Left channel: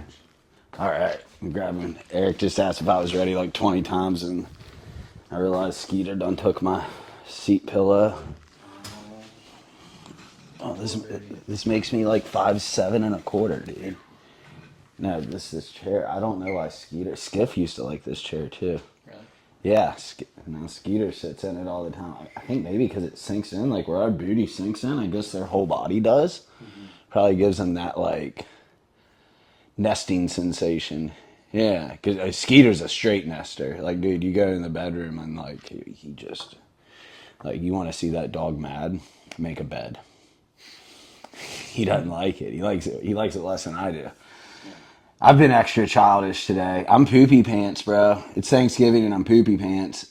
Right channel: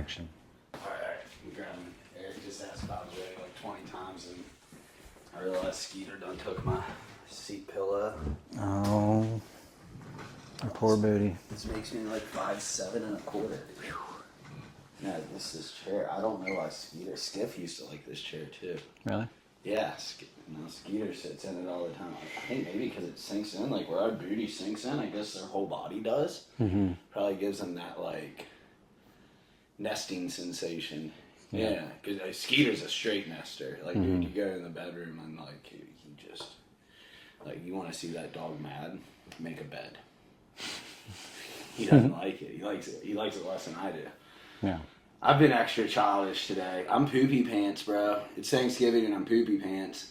action. All right, I'm grabbing. Eric just asked if I was ready like 20 times, and I realized Skeeter done took my seat pillow. Oh, poor booty. This makes me like 5'7.25", dude. No, this chair. I don't know why Skiff used to like this chair too. Really? Yeah, now Skeeter sits in it all the time. I think maybe because it sinks in, like where our booty sinks in. I guess their whole body does. Mm-hmm. Probably gives them that like nesting sensation. Yeah, because Skeeter's a straight nester. Like, dude, you go in the bedroom and like he just like you want to see that dog mad, make a bed. He doesn't like it. He likes it. He likes it less than I do. Yeah. I've been extra childish today. I'm poopy pants, bro. It's Thanksgiving and I'm poopy pants.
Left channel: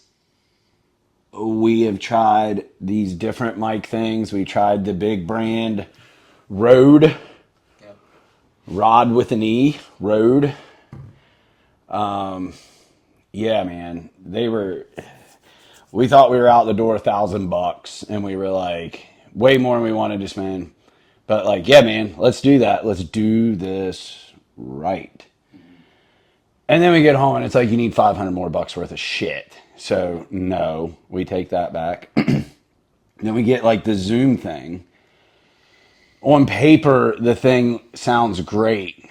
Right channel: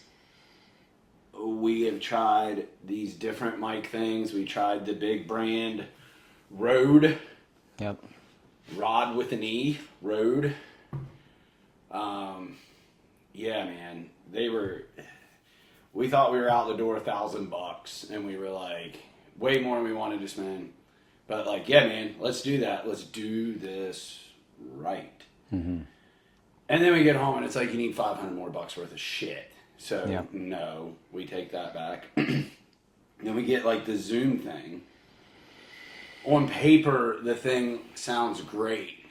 We have tried these different mic things. We tried the big brand Rode. Yep. Rod with an E. Rode. Yeah, man. We thought we were out the door $1,000 and we were like, way more than we wanted to spend. But like, yeah, man, let's do that. Let's do this right. Mm-hmm. And then we get home and it's like you need 500 more bucks worth of shit. So no, we take that back. Then we get like the Zoom thing. On paper, the thing sounds great.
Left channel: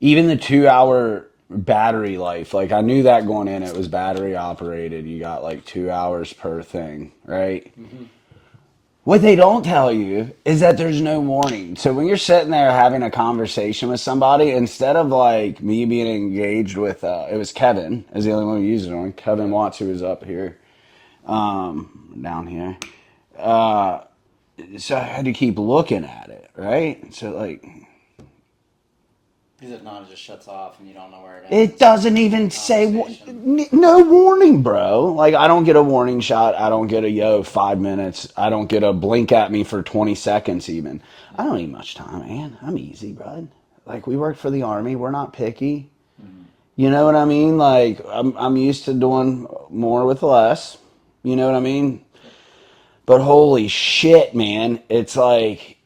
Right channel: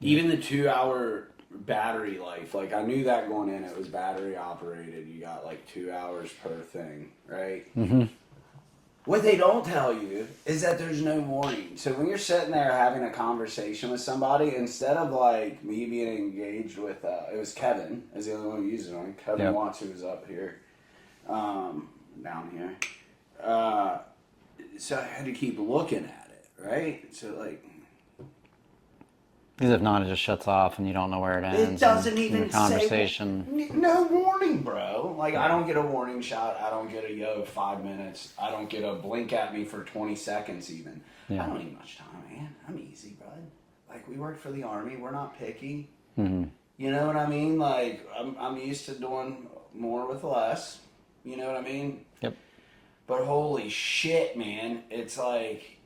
Even the 2-hour battery life, like I knew that going in, it was battery operated. You got like 2 hours per thing, right? Mm-hmm. What they don't tell you is that there's no warning. So when you're sitting there having a conversation with somebody, instead of like me being engaged with, it was Kevin, is the only one who used it on. Kevin Watts, who was up here, down here. So I had to keep looking at it, right? So like, Because if not, it just shuts off and you don't know where it ends. it doesn't even say no warning, bro. Like I don't get a warning shot. I don't get a 5 minutes. I don't get a blink at me for 20 seconds even. I don't need much time, man. I'm easy, bud. Like we work for the Army. We're not picky. Mm-hmm. You know what I mean? Like I'm used to doing more with less. You know what I mean? Yep. But holy shit, man. It's like,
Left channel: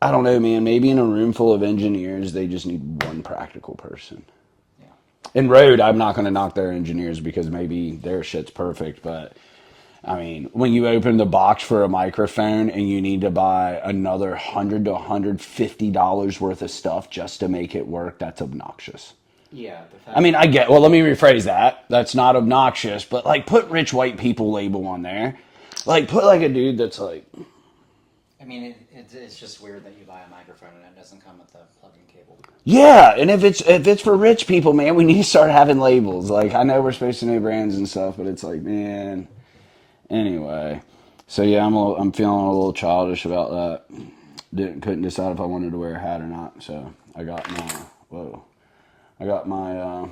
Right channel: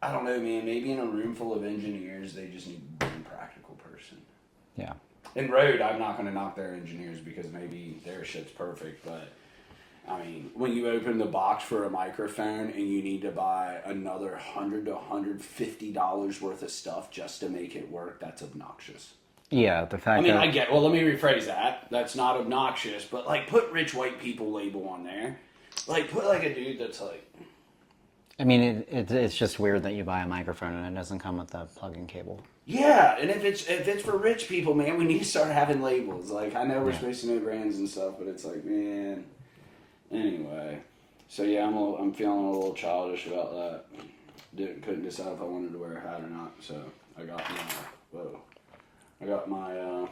I don't know, man. Maybe in a room full of engineers, they just need one practical person. Yeah. In Rode, I'm not going to knock their engineers because maybe their shit's perfect. But, I mean, when you open the box for a microphone and you need to buy another $100 to $150 worth of stuff just to make it work, that's obnoxious. Yeah, the fact I mean, well, let me rephrase that. That's not obnoxious, but, like, put rich white people label on there. Like, put, like, a dude that's, like... I mean, it's just weird that you buy a microphone and it doesn't come with that plug-in cable. Yeah, and if it's for rich people, man, we need to start having labels. Like, I know we're supposed to know brands and stuff, but it's like, man. Anyway, so yeah, I'm feeling a little childish about that. Couldn't decide if I wanted to wear a hat or not. So I got my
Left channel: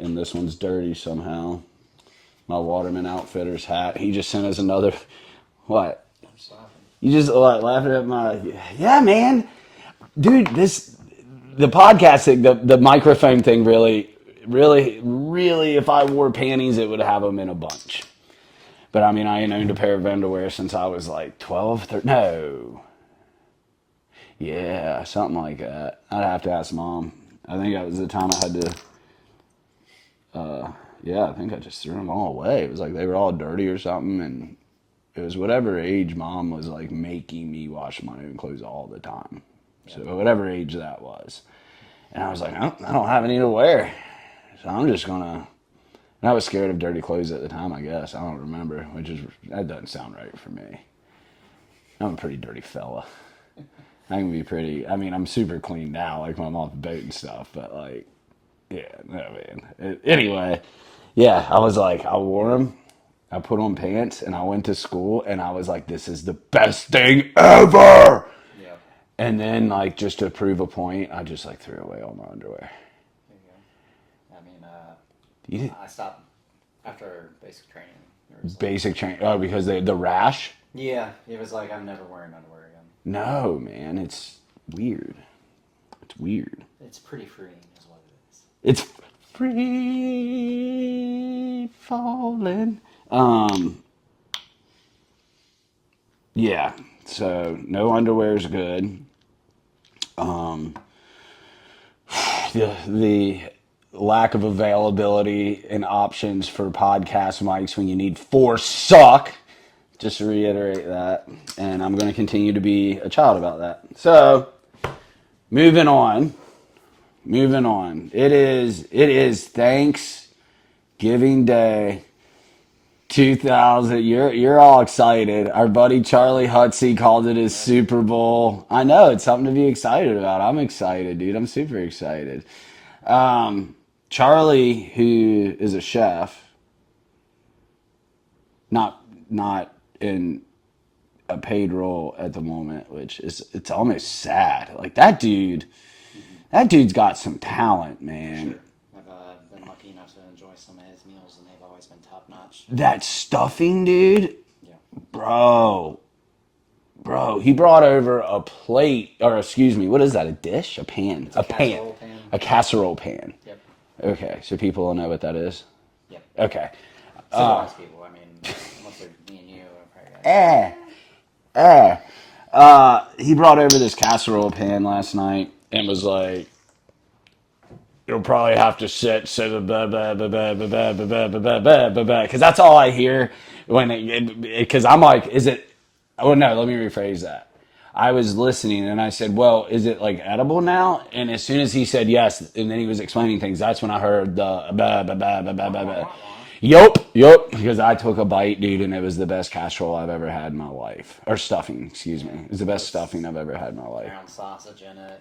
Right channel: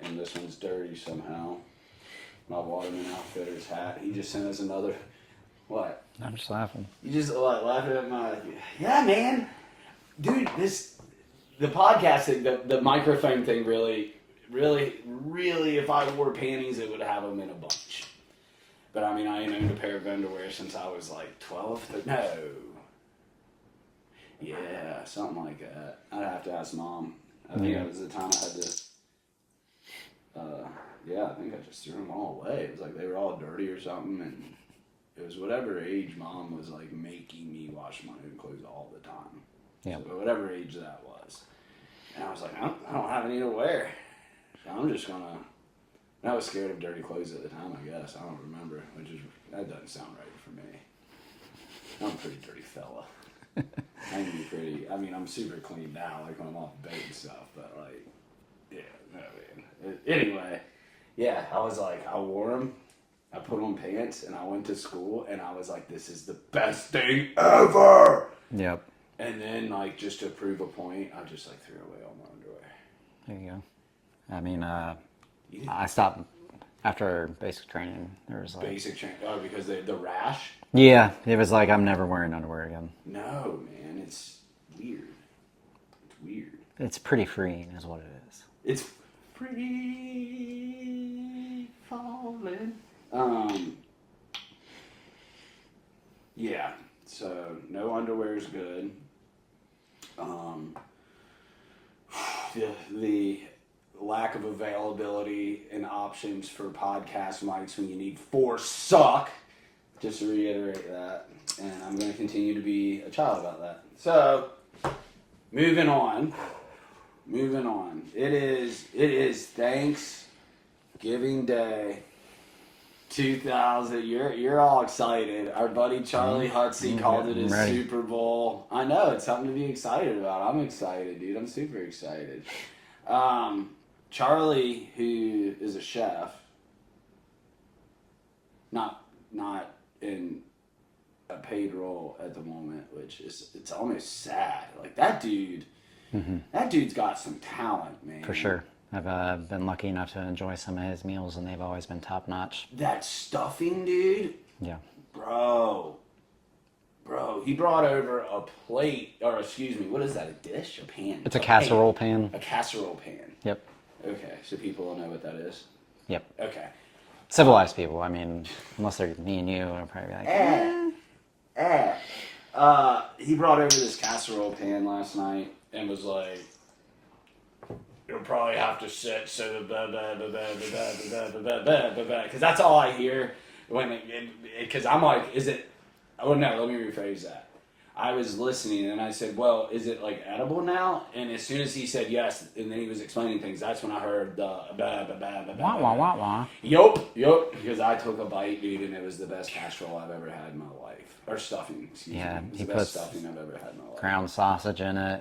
and this one's dirty somehow. My Waterman Outfitters hat. He just sent us another. What? I'm just laughing. You just laughing at my... Yeah, man. Dude, the podcast thing, the microphone thing really, if I wore panties, it would have them in a bunch. But I mean, I ain't owned a pair of underwear since I was like 12, 13. No. Yeah, something like that. I'd have to ask Mom. I think that was the time I had to... yeah, I think I just threw them all away. It was like they were all dirty or something, and... It was whatever age Mom was like making me wash my own clothes all the time. Yep. So whatever age that was. And I was like, I don't have any to wear. So I'm just gonna... And I was scared of dirty clothes at the time, I guess. I don't remember, that doesn't sound right for me. I'm a pretty dirty fella. I can be pretty... I mean, I'm super clean now, like when I'm off the boat and stuff, but like... Yeah, no, man. Anyway, yeah, I was like, I wore them. I put on pants and I went to school and I was like, this is the best thing ever. Yep. And then like just to prove a point, I just like threw away all my underwear. There you go. I mean, I stopped after basic training. There was basic training? Oh, because the rash? Yeah, it was like, I'm never wearing underwear again. No, man, it's weird. It's weird. It's pretty freeing is what it is. It's free falling. Yeah, so no underwear is good. the lack of availability and options for podcast mics when you need 4 suck. Just to reiterate that. And I'm going to continue to be a child about that. So, moving on. It is Thanksgiving Day 2000. You're all excited. Our buddy Charlie Hutsey called it his Super Bowl. I know, it's something to be excited about. I'm excited, dude. I'm super excited. Charlie, who is a chef, not in a paid role at the moment, which is, it's almost sad. Like that dude's got some talent, man. For sure. I've been lucky enough to enjoy some of his meals, and they've always been top notch. That stuffing, dude. Yeah. Bro, he brought over a plate, or excuse me, what is that? A dish? A pan? It's a casserole pan. A casserole pan. Yep. Okay, so people will know what that is. Yep. Okay. Civilized people. I mean, unless they're me and you, are probably like, he brought over this casserole pan last night and was like, "You'll probably have to sit so because that's all I hear when because I'm like, is it? Oh no, let me rephrase that. I was listening and I said, well, is it like edible now? And as soon as he said yes, and then he was explaining things, that's when I heard the Yup. Because I took a bite, dude, and it was the best casserole I've ever had in my life. Or stuffing, excuse me. It was the best stuffing I've ever had in my life. Ground sausage in it.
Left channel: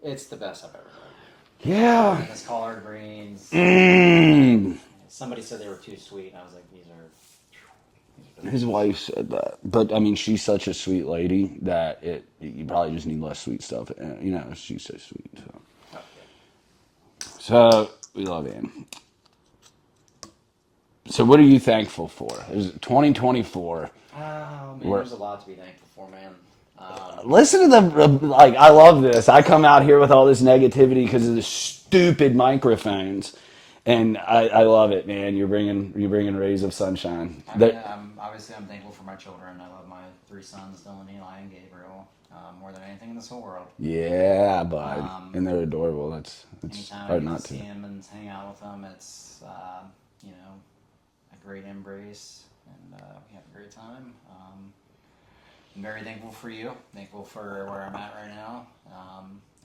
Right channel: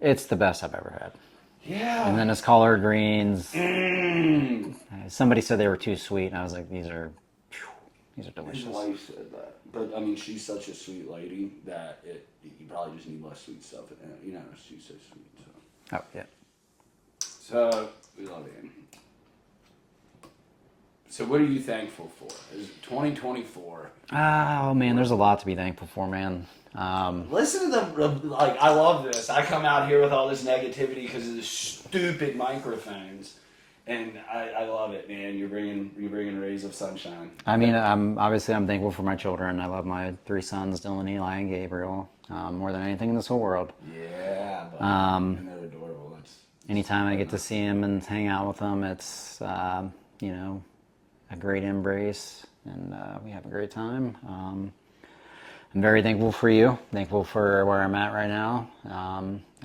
It's the best I've ever had. Yeah. And then his collard greens. Somebody said they were too sweet, and I was like, these are delicious. His wife said that, but I mean, she's such a sweet lady that you probably just need less sweet stuff. You know, she's so sweet. So. Oh yeah. So we love him. So what are you thankful for? Is it 2024? Oh man, there's a lot to be thankful for, man. Listen to like I love this. I come out here with all this negativity because of the stupid microphones. And I love it, man. You're bringing rays of sunshine. I mean, I'm thankful for my children. I love my 3 sons, Dylan, Eli, and Gabriel, more than anything in this whole world. Yeah, but and they're adorable. That's anytime I get to see them and hang out with them, it's a great embrace, and we have a great time. I'm very thankful for you. Thankful for where I'm at right now.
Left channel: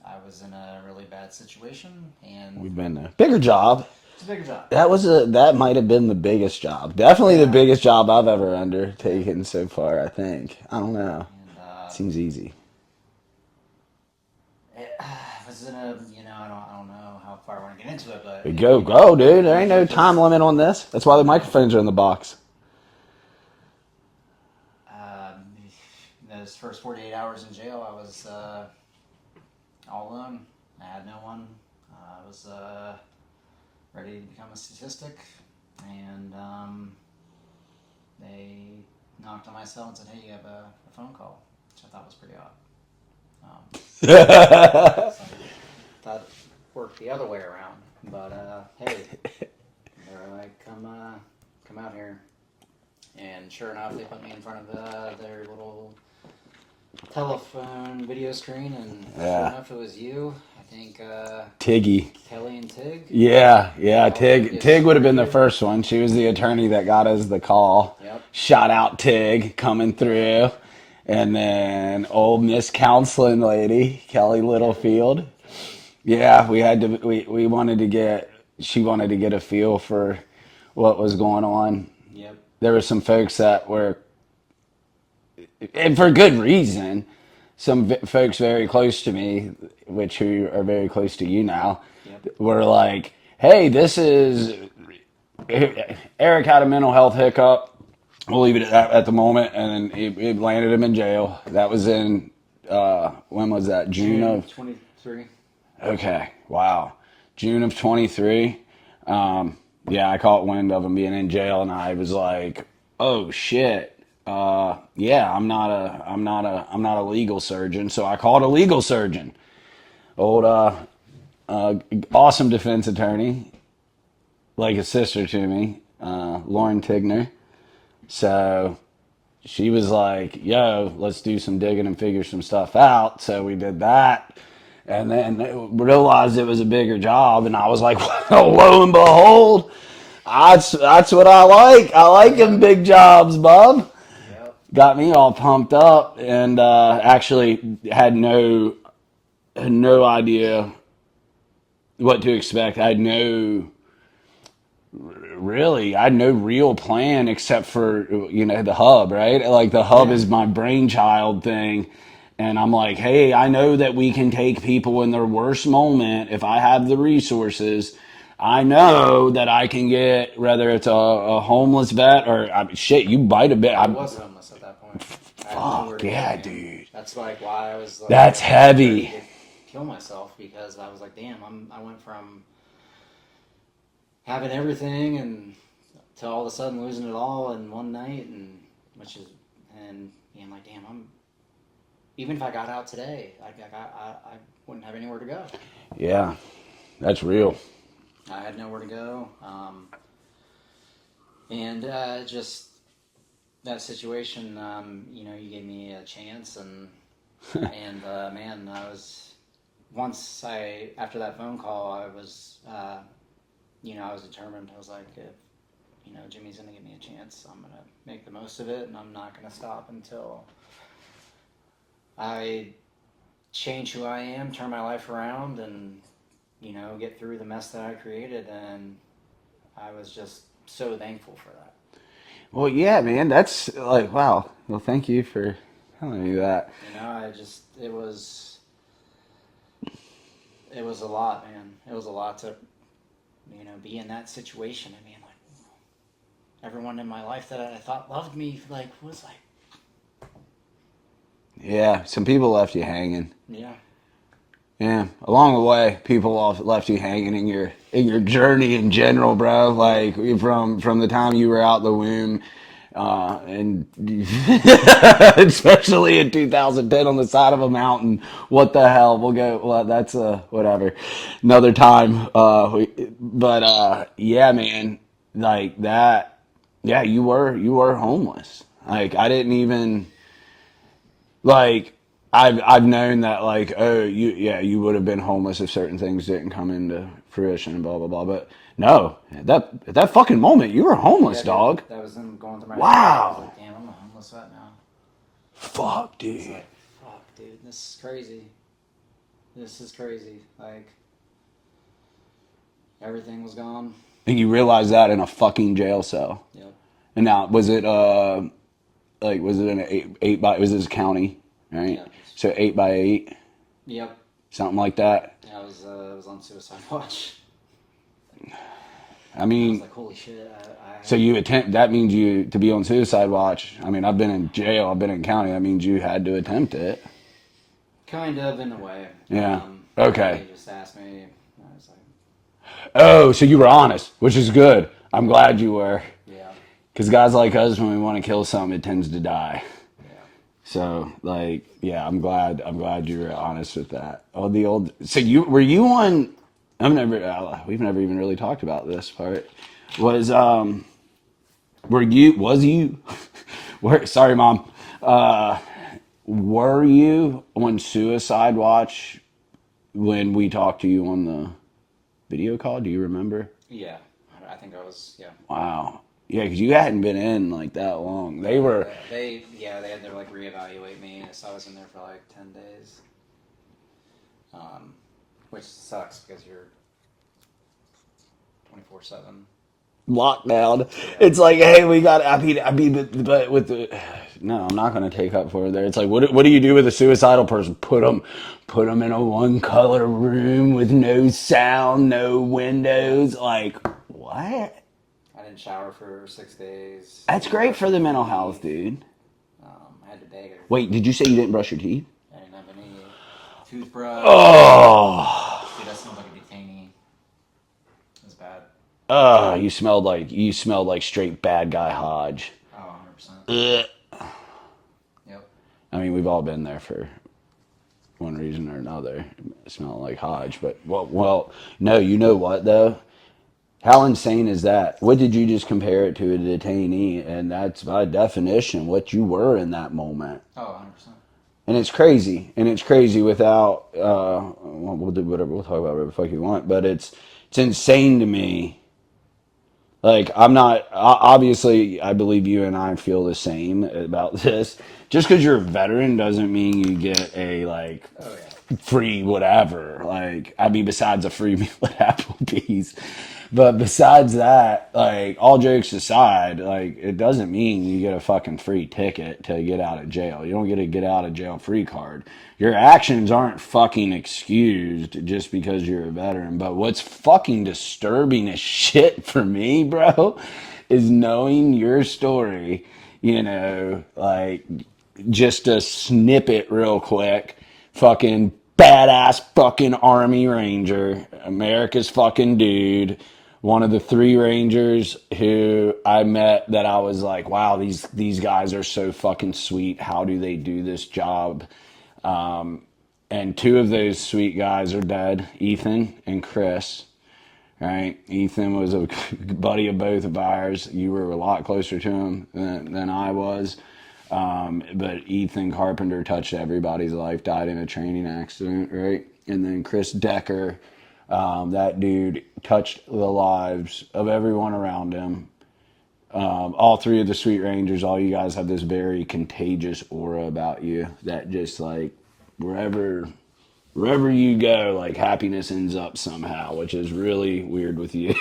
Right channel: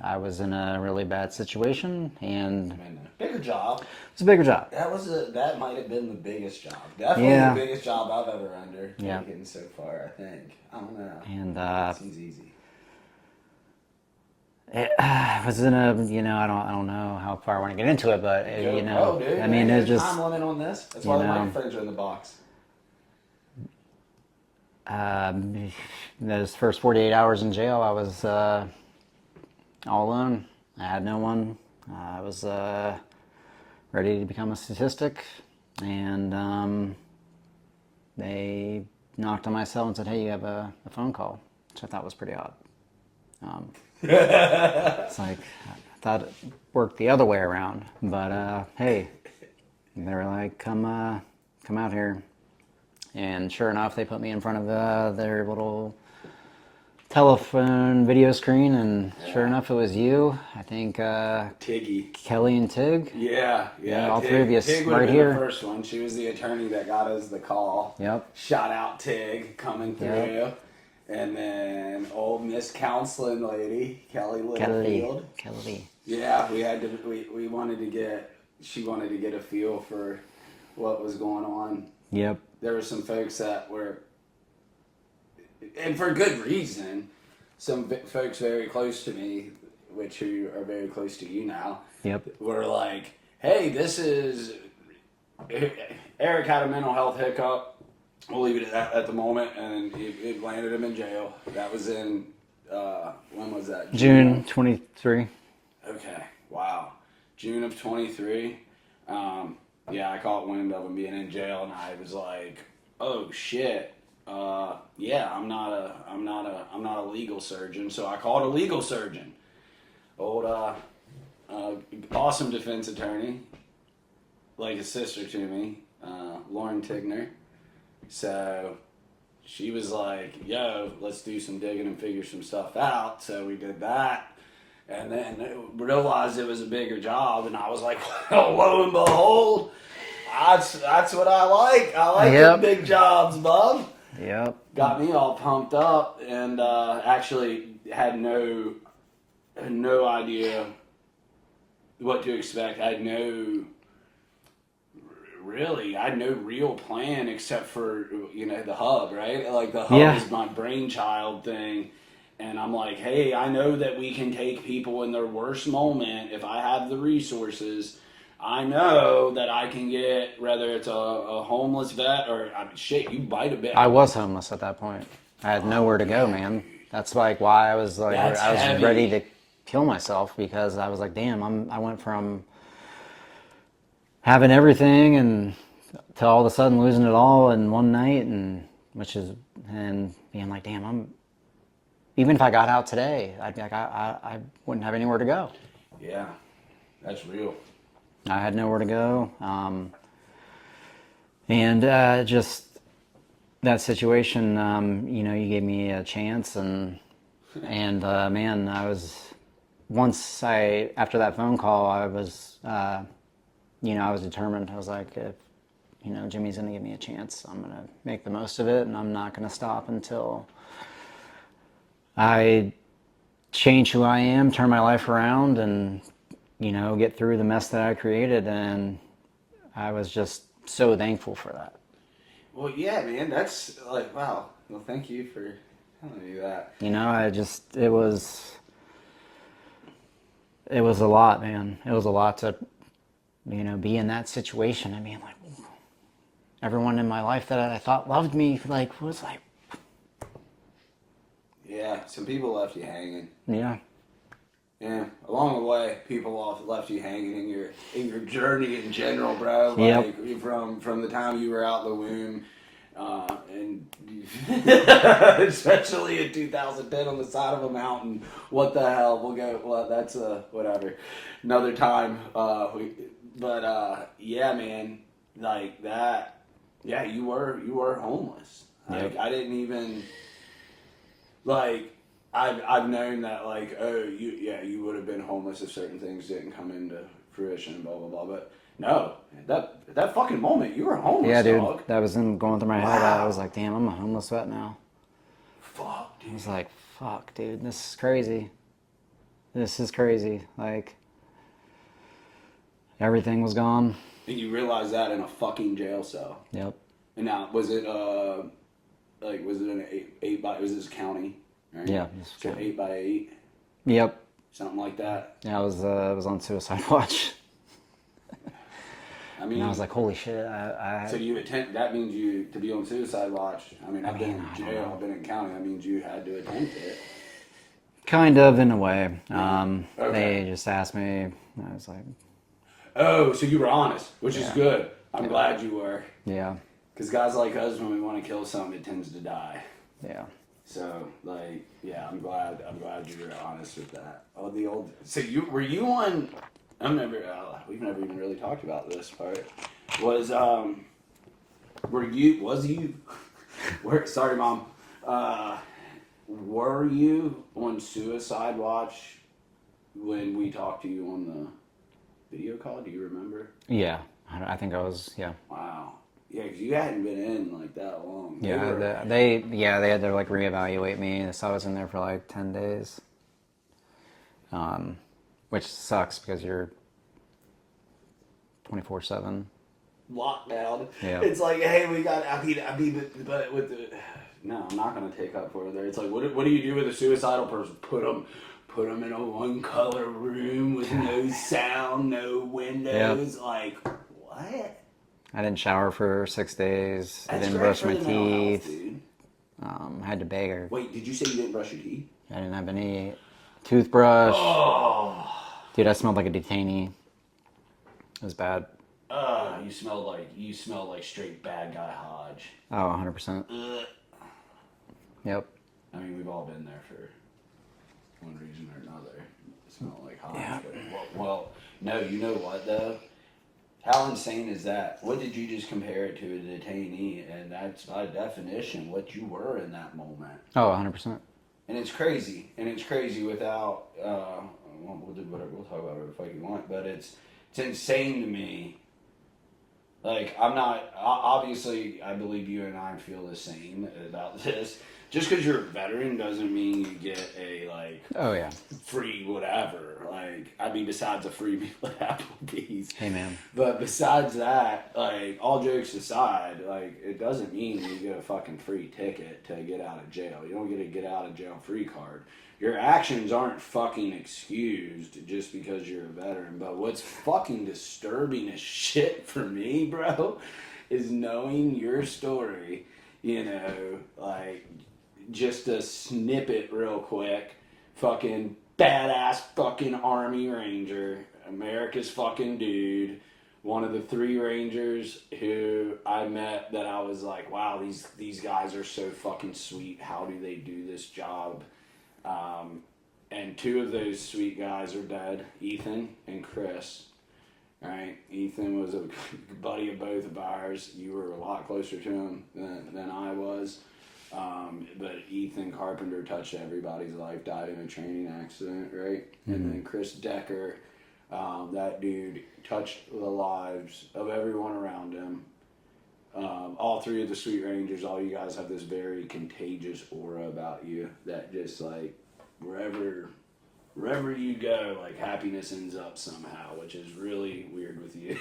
I was in a really bad situation, and been a bigger job. It's a bigger job. That might have been the biggest job. Definitely the biggest job I've ever undertaken so far. I think. I don't know. And seems easy. It was in a I don't know how far I want to get into it, but go, dude. There ain't no time limit on this. That's why the microphones are in the box. Those first 48 hours in jail, I was all alone. I had no one. I was ready to become a statistic, and they knocked on my cell and said, "Hey, you have a phone call," which I thought was pretty odd. It's like I thought it worked the other way around, but hey, they were like, "Come out here." And sure enough, they put me in front of their little telephone video screen, and sure enough, it was you. I think Tiggy, Kelly, and Tig. Yeah. Tig would have been the first one. She was the attorney that got us the call. Yep. Shout out Tig coming through, and then old Miss Counseling lady Kelly Littlefield. Kelly. Yeah, we had to. We wanted to get. She wanted to get a feel for what was going on. Yep. There were some folks that were, and for good reason, some folks very close to me, who are very close to you now, were like, hey, this is, Eric had a mental health hiccup. We'll leave it at that at the moment. And it landed him in jail. That was in, when was that? June 23. Okay. Wow. June of 23. Yeah, I caught wind of him being in jail, and I was like, "Oh shit! Yeah, I'm not a legal surgeon." So I called a legal surgeon, old awesome defense attorney, like a sister to me, Lauren Tigner. So she was like, "Yo, let's do some digging and figure some stuff out." So we did that, And then realized it was a bigger job, and I was like, well, lo and behold, that's what I like. I like them Yep. big jobs, bub. Yep. Got me all pumped up, and actually had no idea what to expect. I had no real plan except for the hub, right? Like the hub Yeah. is my brainchild thing. And I'm like, hey, I know that we can take people in their worst moment if I have the resources. I know that I can get, whether it's a homeless vet or, I mean, shit, you bite a bit. I was homeless at that point. I had nowhere to go, yeah, man. dude. That's like why I was like, That's I was ready heavy. to kill myself because I was like, damn, I went from having everything and to all of a sudden losing it all in one night, and being like, damn, even if I got out today, I'd be like, I wouldn't have anywhere to go. Yeah, that's real. I had nowhere to go, and just that situation. You gave me a chance, and man, after that phone call, I was I was determined. I was like, if Jimmy's going to give me a chance, I'm going to make the most of it, and I'm not going to stop until I change who I am, turn my life around, and get through the mess that I created. And I was just so thankful for that. Well, yeah, man, that's like, wow. Well, thank you for telling me that. It was a lot, man. It was a lot to be in that situation. I mean, like, everyone in my life that I thought loved me, like, was like, Yeah, some people left you hanging. yeah, Yeah, along the way, people left you hanging in your journey in general, bro. Yep. Like from the time you were out the womb, and especially in 2010 on the side of a mountain. What the hell? We'll go. Well, that's whatever, another time. Yeah, man, like that. Yeah, you were homeless. Like I didn't even like. I've known that like you would have been homeless if certain things didn't come into fruition and blah blah blah. But no, at that fucking moment you were homeless, yeah, dude. dog. That was going through my head. Wow. I was like, damn, I'm a homeless vet now. Fuck, dude. It's like, fuck, dude, this is crazy. This is crazy. Like, everything was gone. And you realize that in a fucking jail cell. Yep. And now was it was it an eight by was this a county, right? Yeah. So 8x8, Yep. something like that. Yeah, I was on suicide watch. I And I mean, was like, holy shit. so that means you to be on suicide watch. I mean, I've been in jail, I've been in county. That means you had to attempt it. Kind of, in a way. Yeah. Okay. They just asked me. I was like, Oh, so you were honest, which is good. I'm glad you were. yeah, Because guys like us, when we want to kill something, it tends to die. yeah. So, like, yeah, I'm glad you were honest with that. Oh, the old. So were you on? We've never even really talked about this part. Was you? Sorry, Mom. Were you on suicide watch when we talked to you on the video call? Do you remember? Yeah, I think I was, yeah. Wow. Yeah, because you hadn't been in like that long. They were. They had to like reevaluate me, so I was in there for like 10 days. Which sucks because you're 24/7. Lockdown. Yeah. It's like, hey, we got. But with the. No, I'm not going to take up for it there. It's like, what do you do with a suicidal person? Put them in a one color room with no sound, no windows. Yeah. Like, what? I didn't shower for 6 days. That's great for the mental health, dude. I had to beg her. Wait, did you say you didn't brush your teeth? I didn't have any toothbrush. Oh, dude, I smelled like a detainee. It was bad. Oh, you smelled like straight bad guy Hodge. Oh, 100%. Yep. I mean, we've all been there for one reason or another, smelling like Hodge. Yeah. But well, no, you know what though? How insane is that? What did you just compare it to, a detainee? And that's by definition what you were in that moment. Oh, 100%. And it's crazy. And it's crazy without, we'll do whatever, we'll talk about whatever the fuck you want. But it's insane to me. Like, I'm not, obviously, I believe you and I feel the same about this. Just because you're a veteran doesn't mean you get a, like, Oh yeah. free whatever. Like, I mean, besides a free meal at Applebee's. Amen. But besides that, like, all jokes aside, like, it doesn't mean you get a fucking free ticket to get out of jail. You don't get a get out of jail free card. Your actions aren't fucking excused just because you're a veteran. But what's fucking disturbing as shit for me, bro, is knowing your story, you know, like, just a snippet real quick. Fucking badass fucking Army Ranger, America's fucking dude. One of the 3 Rangers who I met that I was like, wow, these guys are so fucking sweet. How do they do this job? And 2 of those sweet guys are dead, Ethan and Chris. Right? Ethan was a buddy of both of ours. You were a lot closer to him than I was. But Ethan Carpenter touched everybody's life, died in a training accident, right? And then Chris Decker, that dude touched the lives of everyone around him. All 3 of the Sweet Rangers, all you guys have this very contagious aura about you that just like wherever you go, like happiness ends up somehow, which is really weird with you,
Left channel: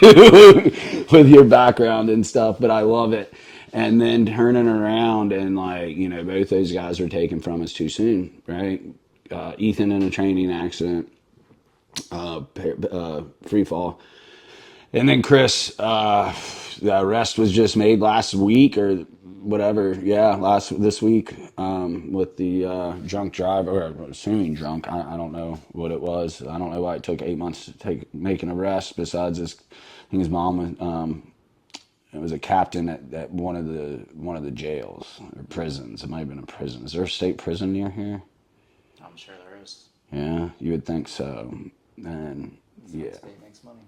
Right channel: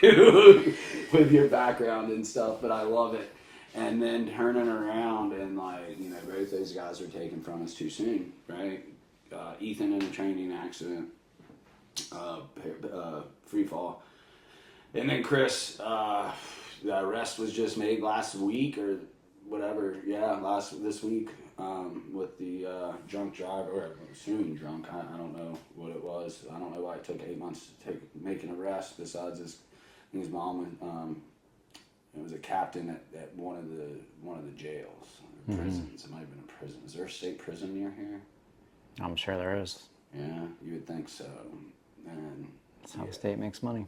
with your background and stuff, but I love it. And then turning around and like, you know, both those guys were taken from us too soon, right? Ethan in a training accident, free fall. And then Chris, the arrest was just made last week or whatever. Yeah, this week with the drunk driver, or assuming drunk. I don't know what it was. I don't know why it took 8 months to make an arrest. Besides his, I think his mom it was a captain at one of the jails or prisons. It might have been a prison. Is there a state prison near here? I'm sure there is. Yeah, you would think so. And That's how the state makes money.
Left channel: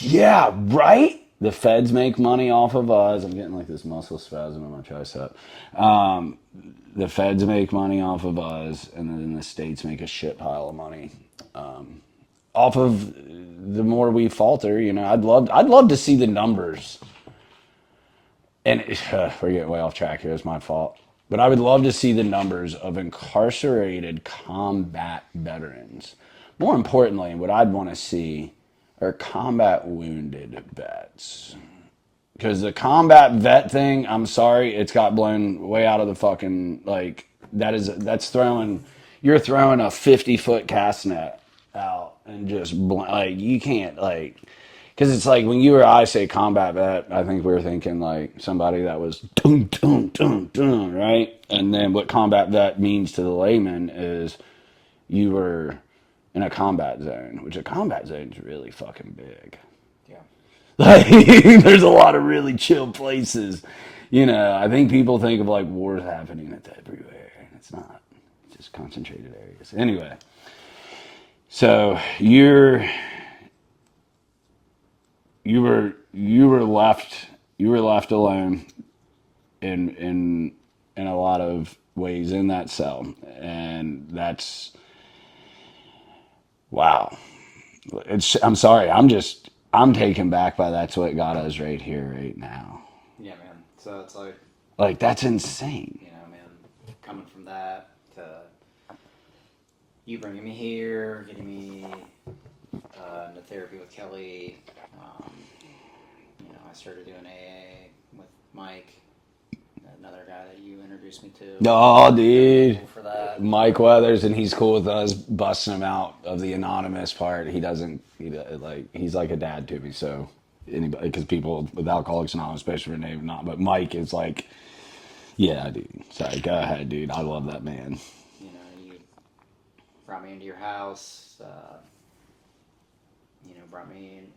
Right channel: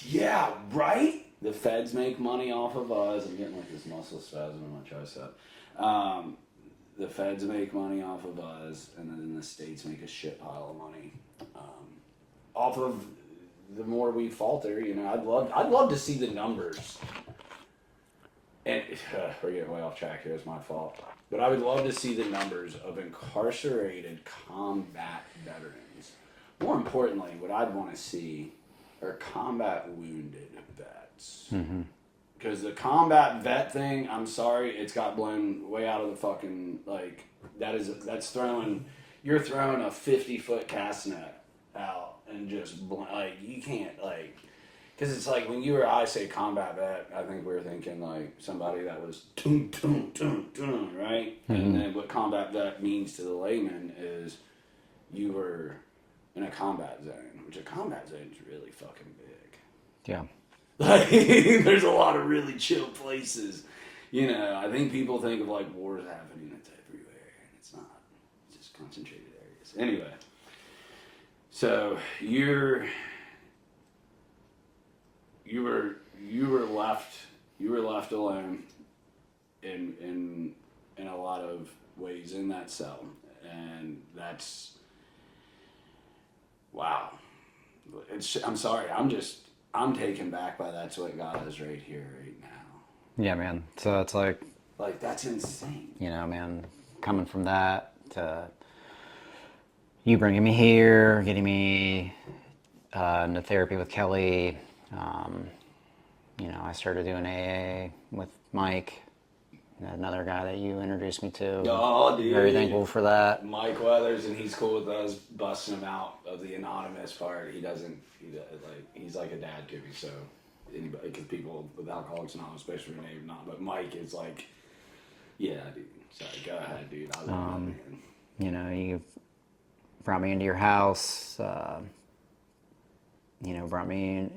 yeah, right? The feds make money off of us. I'm getting like this muscle spasm in my tricep. The feds make money off of us, and then the states make a shit pile of money off of the more we falter. You know, I'd love to see the numbers. And we're getting way off track here. It's my fault. But I would love to see the numbers of incarcerated combat veterans. More importantly, what I'd want to see are combat wounded vets. Because the combat vet thing, I'm sorry, it's got blown way out of the fucking, like, that's throwing, you're throwing a 50-foot cast net out and just, like, you can't, like, because it's like when you or I say combat vet, I think we're thinking like somebody that was dun, dun, dun, dun, right? And then what combat vet means to the layman is you were in a combat zone, which a combat zone is really fucking big. Yeah. Like, there's a lot of really chill places. You know, I think people think of like wars happening it's everywhere, and it's not. It's just concentrated areas. Anyway, so you were left alone in a lot of ways in that cell, and that's wow. I'm sorry. I'm taken back by that's what got us right here, right now. Yeah, man. So it's like, That's insane. you know, man, coming from that to you bringing me here, getting me into therapy with Kelly. You know, I started doing AA with Mike, another guy that you introduced me to. Oh, Very dude. thankful for that. Mike Weathers, and he's cool with us busting him out of the anonymous part. He's like a dad to me. So anybody, because people with Alcoholics Anonymous, especially for name not, but Mike is like, yeah, dude. Sorry, go ahead, dude. I love that man. You know, you brought me into your house. You know, brought me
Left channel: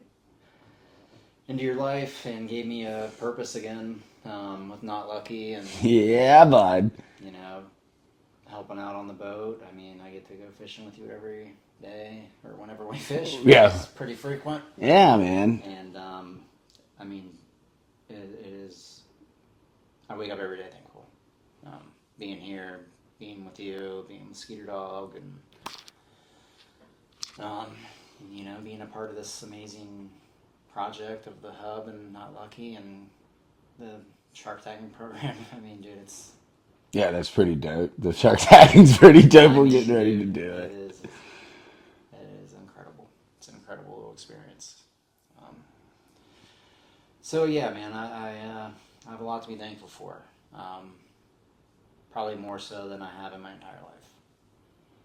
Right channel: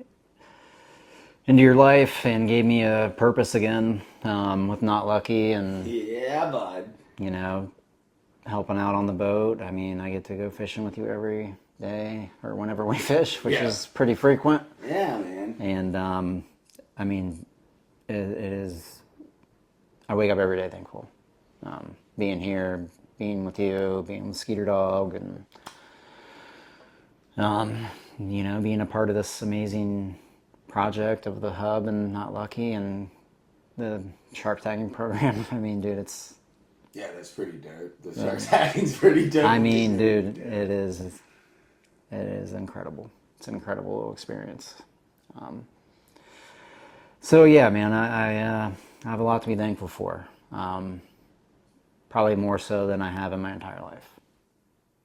into your life and gave me a purpose again with Not Lucky and, Yeah, bud. you know, helping out on the boat. I mean, I get to go fishing with you every day or whenever we fish, which is pretty frequent. Yeah, man. And, I mean, it is, I wake up every day thankful. Being here, being with you, being with Skeeter Dog, and being a part of this amazing project of the hub and Not Lucky and the shark tagging program. I mean, dude, it's. Yeah, that's pretty dope. The shark tagging's pretty dope. I mean, dude, it is. It is incredible. It's an incredible little experience. So yeah, man, I have a lot to be thankful for. Probably more so than I have in my entire life.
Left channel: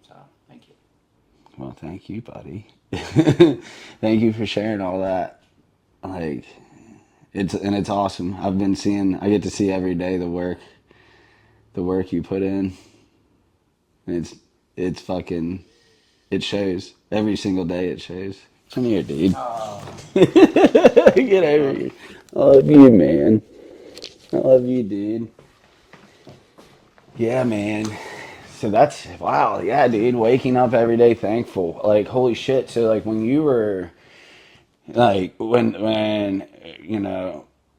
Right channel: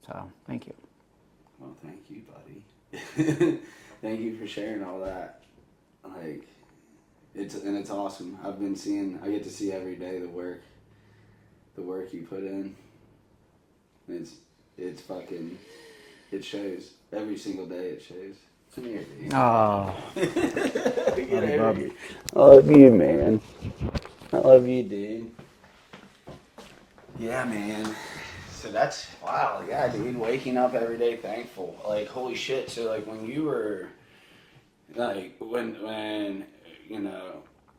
So thank you. Well, thank you, buddy. Thank you for sharing all that. Like, it's awesome. I get to see every day the work you put in. It's fucking, it shows. Every single day it shows. Come here, dude. Oh. Get over here. I love you, man. I love you, dude. Yeah, man. So that's, wow, yeah, dude. Waking up every day thankful. Like, holy shit. So, like, when you were, like, when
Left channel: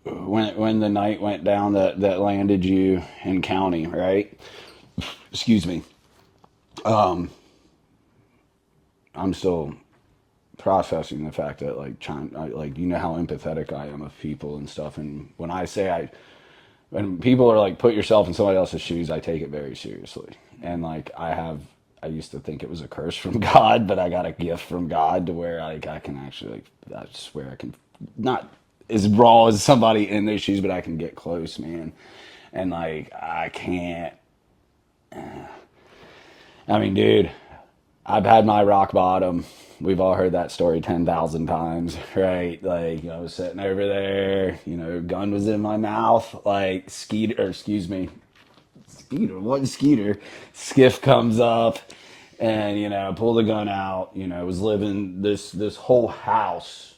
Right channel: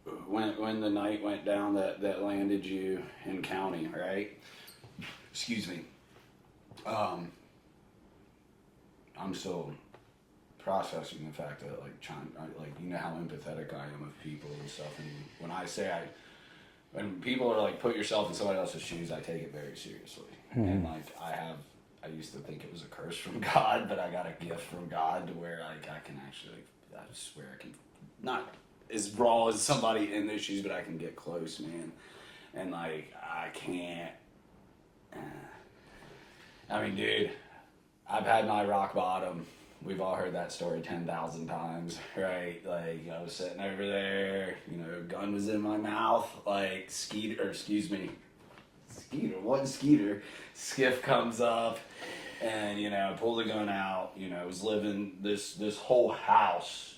the night went down that landed you in county, right? Excuse me. I'm still processing the fact that like how empathetic I am of people and stuff, and when people are like, put yourself in somebody else's shoes, I take it very seriously. And like I used to think it was a curse from God, but I got a gift from God to where like I can actually, like, I swear I can, not as raw as somebody in their shoes, but I can get close, man. And like I can't, I mean, dude, I've had my rock bottom. We've all heard that story 10,000 times, right? Like, I was sitting over there, gun was in my mouth, like, Skeeter, Skiff comes up, and, pull the gun out, was living this whole house,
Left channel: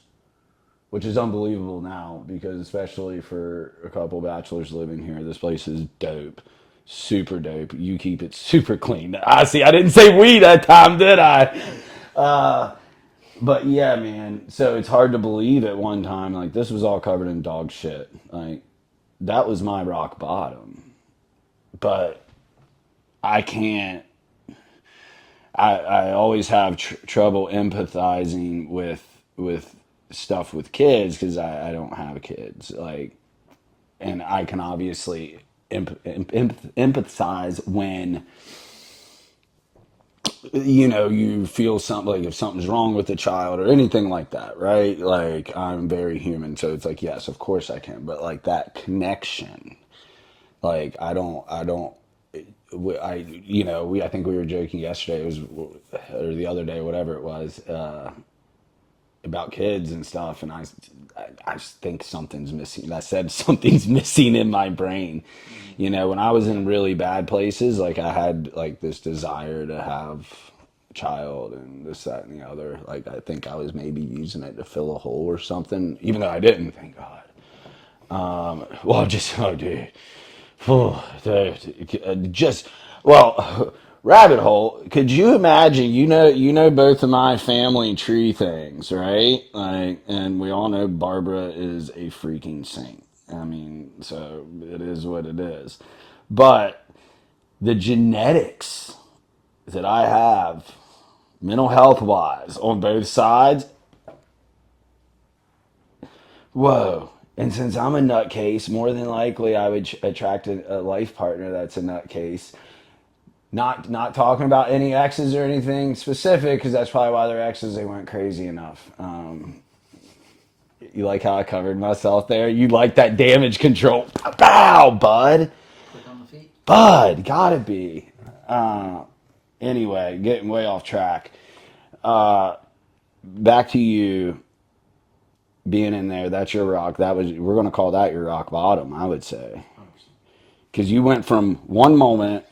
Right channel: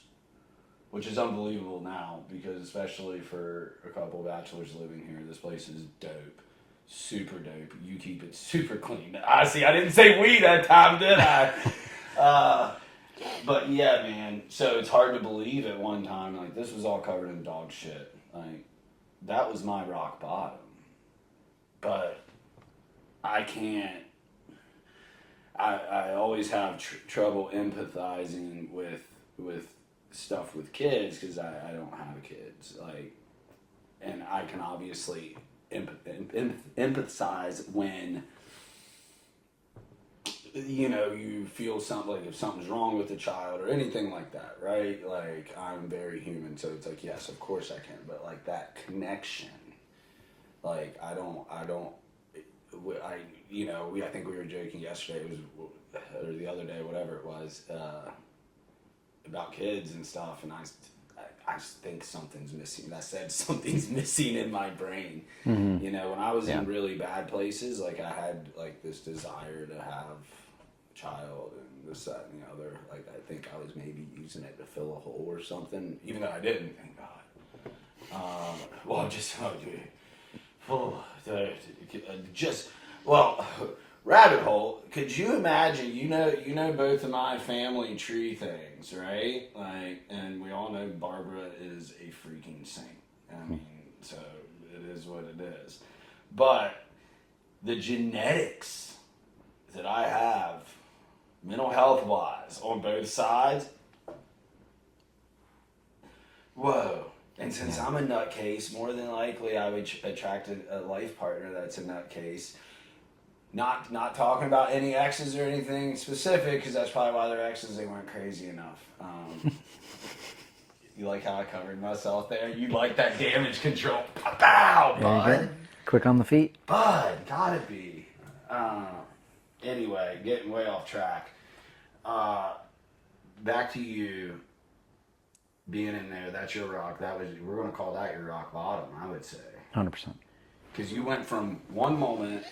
which is unbelievable now, because especially for a couple bachelors living here, this place is dope. Super dope. You keep it super clean. I didn't say we that time, did I? But yeah, man. So it's hard to believe at one time, like, this was all covered in dog shit. Like, that was my rock bottom. But I can't. I always have trouble empathizing with stuff with kids because I don't have kids. Like, and I can obviously empathize when you feel something, like if something's wrong with the child or anything like that, right? Like, I'm very human, so it's like, yes, of course I can, but like that connection, like I think we were joking yesterday, or the other day, whatever it was, about kids and stuff, and I think something's missing. I said something's missing in my brain. Mm-hmm. When I was in really bad places, like I had like this desire to have a child and this, that, and the other. Like, I think I was maybe using it to fill a hole or something, even though I didn't, thank God. Rabbit hole. Could you imagine? Both of my family tree things, right? Like, and we all know Barbara is a freaking saint. I mean, so it is what it is. But the genetics that I have, mental health wise, on both sides, whoa. And since I'm a nutcase, more than likely I would attract a life partner that's a nutcase. Not talking about any exes or anything specific, because that's probably why they're exes. They weren't crazy enough. You like how I covered myself there? You like that damage control? Bow, bud. Quick on the feet. Bud, gotta be. Anyway, getting way off track. Back to you being in there. That's your rock. We're gonna call that your rock bottom, I would say. 100%. Because you went from one moment.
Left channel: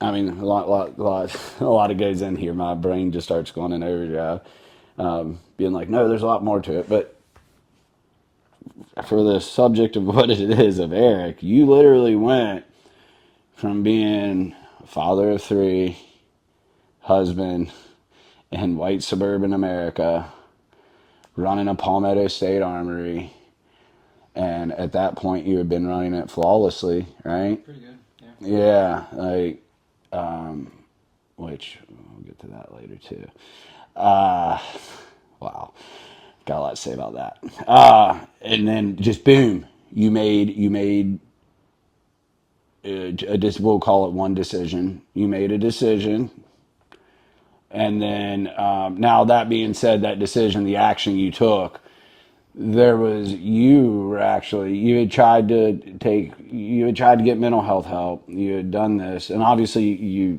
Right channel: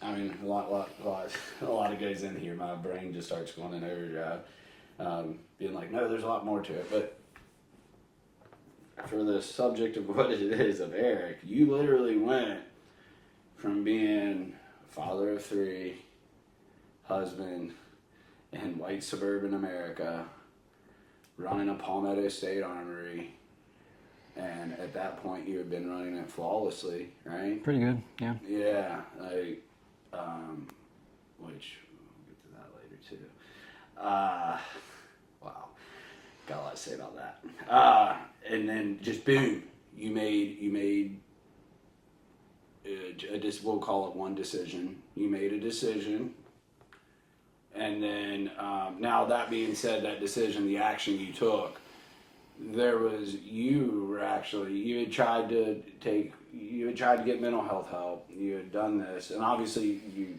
I mean, a lot of goes in here. My brain just starts going in overdrive, being like, no, there's a lot more to it. But for the subject of what it is of Eric, you literally went from being a father of 3, husband in white suburban America, running a Palmetto State Armory, and at that point you had been running it flawlessly, right? Pretty good, yeah. Yeah, like, which we'll get to that later too. Wow, got a lot to say about that. And then just boom, you made we'll call it one decision. You made a decision, and then now that being said, that decision, the action you took, you had tried to get mental health help. You had done this, and obviously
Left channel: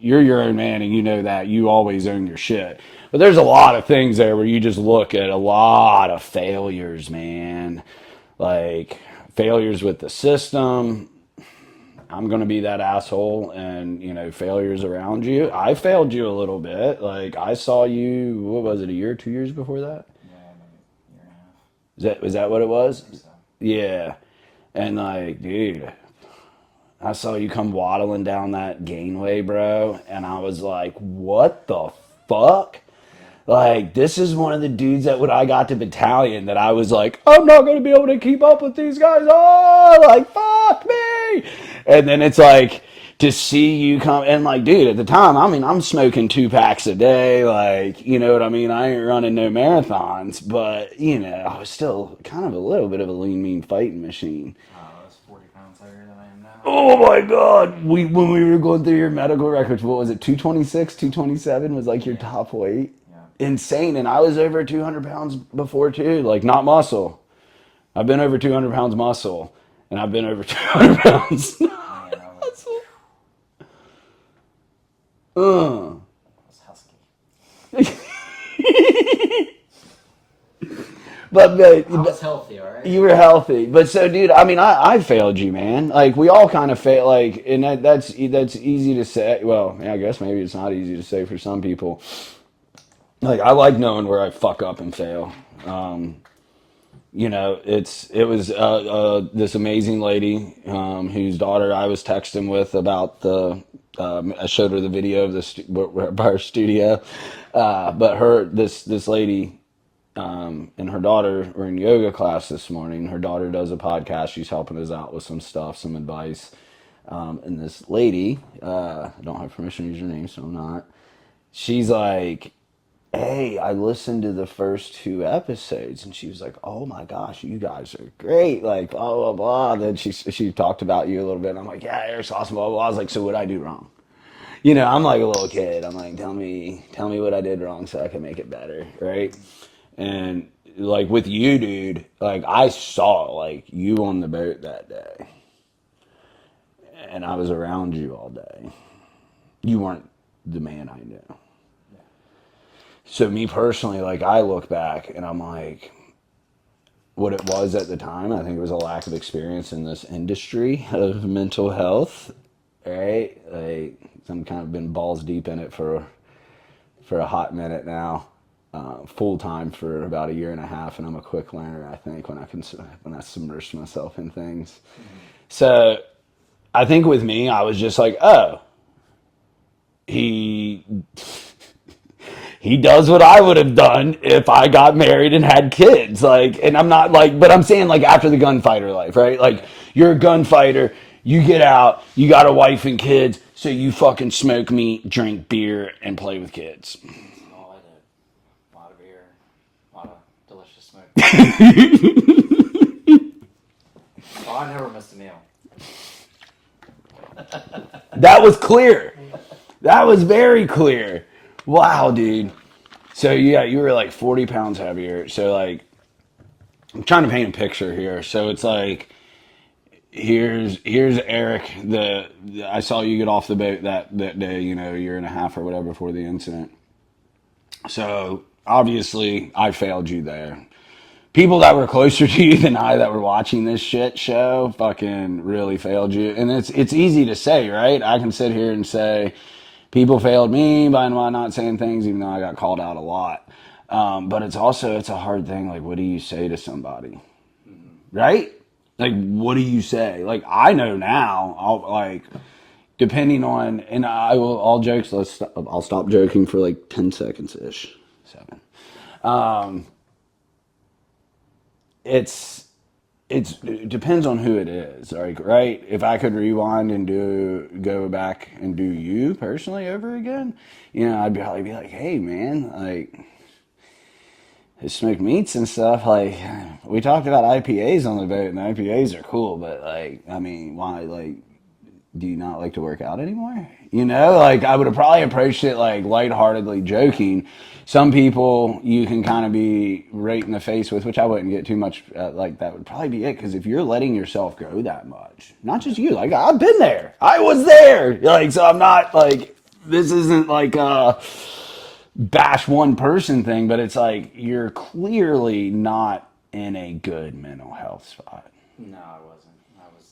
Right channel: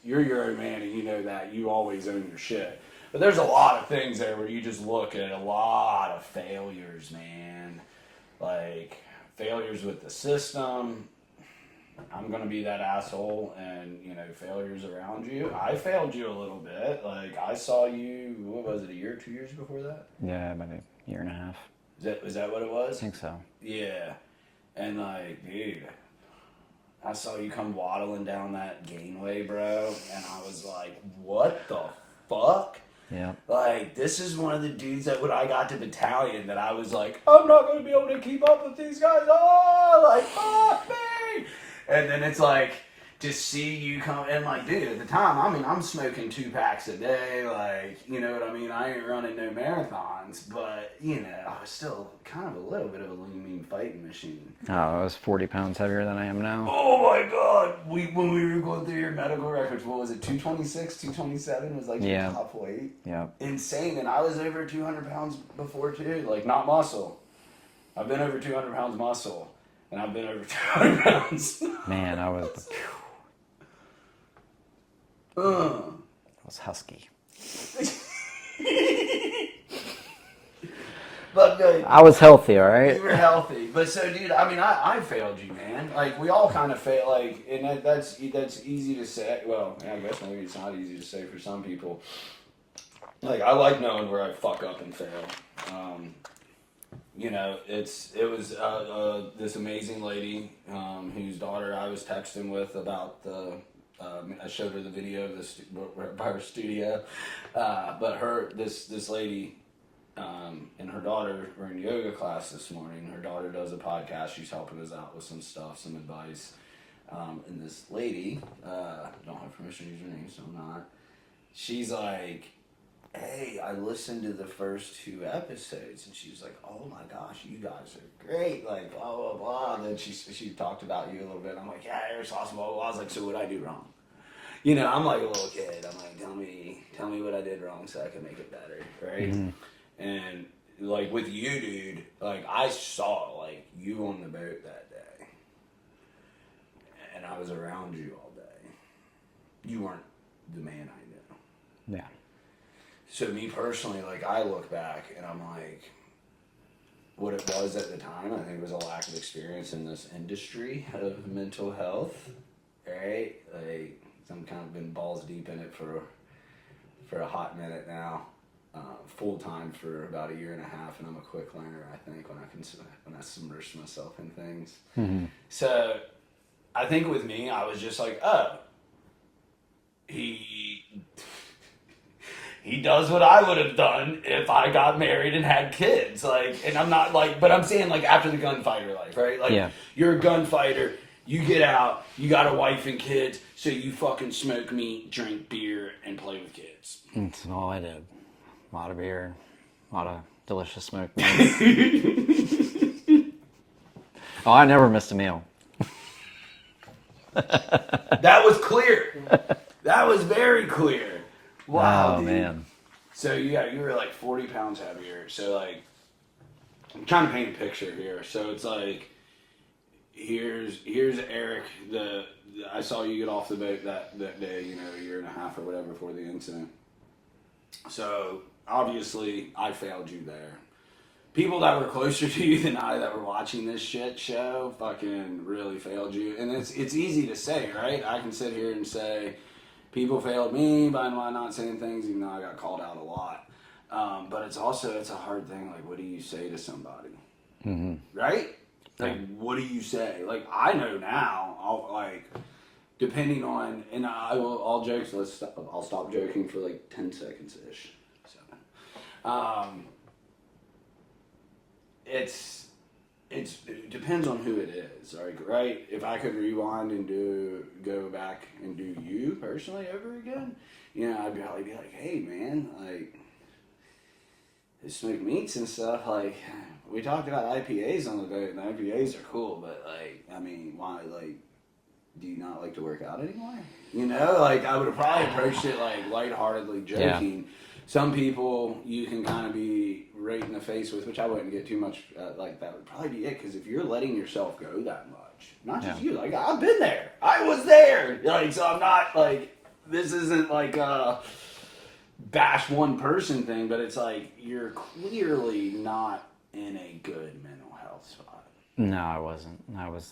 you're your own man, and you know that you always own your shit. But there's a lot of things there where you just look at a lot of failures, man. Like failures with the system. I'm going to be that asshole, and failures around you. I failed you a little bit. Like I saw you, what was it, a year, 2 years before that? Yeah, about a year and a half. Was that what it was? I think so. Yeah. And like, dude, I saw you come waddling down that Ganeway, bro, and I was like, what the fuck? Yeah. Like, this is one of the dudes that when I got to battalion that I was like, I'm not going to be able to keep up with these guys. Oh, like, fuck me. And then it's like, to see you come, and like, dude, at the time, I mean, I'm smoking 2 packs a day. Like, you know what I mean? I ain't running no marathons, but, I was still kind of a little bit of a lean, mean fighting machine. Oh, I was 40 pounds heavier than I am now. Oh my God. When we were going through your medical records, what was it? 226, 227 was like your top weight. Yeah. Insane. And I was over 200 pounds before too. Like not muscle. I've been over 200 pounds muscle. And I've been over 200 pounds. Man, I was... I was husky. But I was healthy, all right? You were healthy. But so, dude, I mean, I failed you, man. Like, we all kind of fail. Like, and that's easy to say. Well, I guess maybe it's not easy to say for some people. Like, I like knowing where I fuck up and fail. It was this amazing lady whose daughter I was texting with about I showed her the video of our studio, but this lady and her daughter were in yoga class this morning. Her daughter does a podcast. She's helping us out with some stuff, some advice. And this lady, I don't have permission to use her name, so I'm not. She's like, hey, I listened to the first 2 episodes, and she was like, oh my gosh, you guys are great, like, blah, blah, blah. Then she talked about you a little bit, and I'm like, yeah, Eric's awesome, blah, blah, blah. I was like, so what'd I do wrong? I'm like a little kid. I'm like, tell me what I did wrong so I can make it better, right? Mm-hmm. And, like, with you, dude, like, I saw, like, you on the boat that day, and I was around you all day. You weren't the man I knew. Yeah. So me personally, like, I look back and I'm like, what it was at the time, I think it was a lack of experience in this industry of mental health, right? Like, I'm kind of been balls deep in it for a hot minute now, full time for about 1.5 years, and I'm a quick learner, I think, when I submerge myself in things. Mm-hmm. So I think with me, I was just like, oh, he does what I would have done if I got married and had kids. Like, and I'm not like, but I'm saying like after the gunfighter life, right? Like, yeah. You're a gunfighter, you get out, you got a wife and kids, so you fucking smoke meat, drink beer, and play with kids. That's all I did. A lot of beer, a lot of delicious smoke. Oh, I never missed a meal. That was clear. That was very clear. Wow, dude. Man. So, yeah, you were like 40 pounds heavier. So, like, I'm trying to paint a picture here. So, it's like, here's Eric. I saw you get off the boat that day, 1.5 years or whatever before the incident. So, obviously, I failed you there. People that were closer to you than I that were watching this shit show fucking really failed you. And it's easy to say, right? I can sit here and say, people failed me by not saying things, even though I got called out a lot. But it's a hard thing. Like, what do you say to somebody? Mm-hmm. Right? Like, what do you say? Like, I know now, depending on, and all jokes, I'll stop joking for like 10 seconds-ish. 7. it depends on who it is, like, right? If I could rewind and go back and do you personally over again, I'd probably be like, hey man, like, smoked meats and stuff. Like, we talked about IPAs on the boat, and the IPAs are cool, but like, I mean, why? Like, do you not like to work out anymore? Like, I would have probably approached it like lightheartedly Yeah. joking. Some people you can kind of be right in the face with, which I wouldn't get too much like that would probably be it. Because if you're letting yourself go that much, not just Yeah. you, like I've been there, I was there. Like, so I'm not like, this isn't like bash one person thing, but it's like you're clearly not in a good mental health spot. No, I wasn't. I was.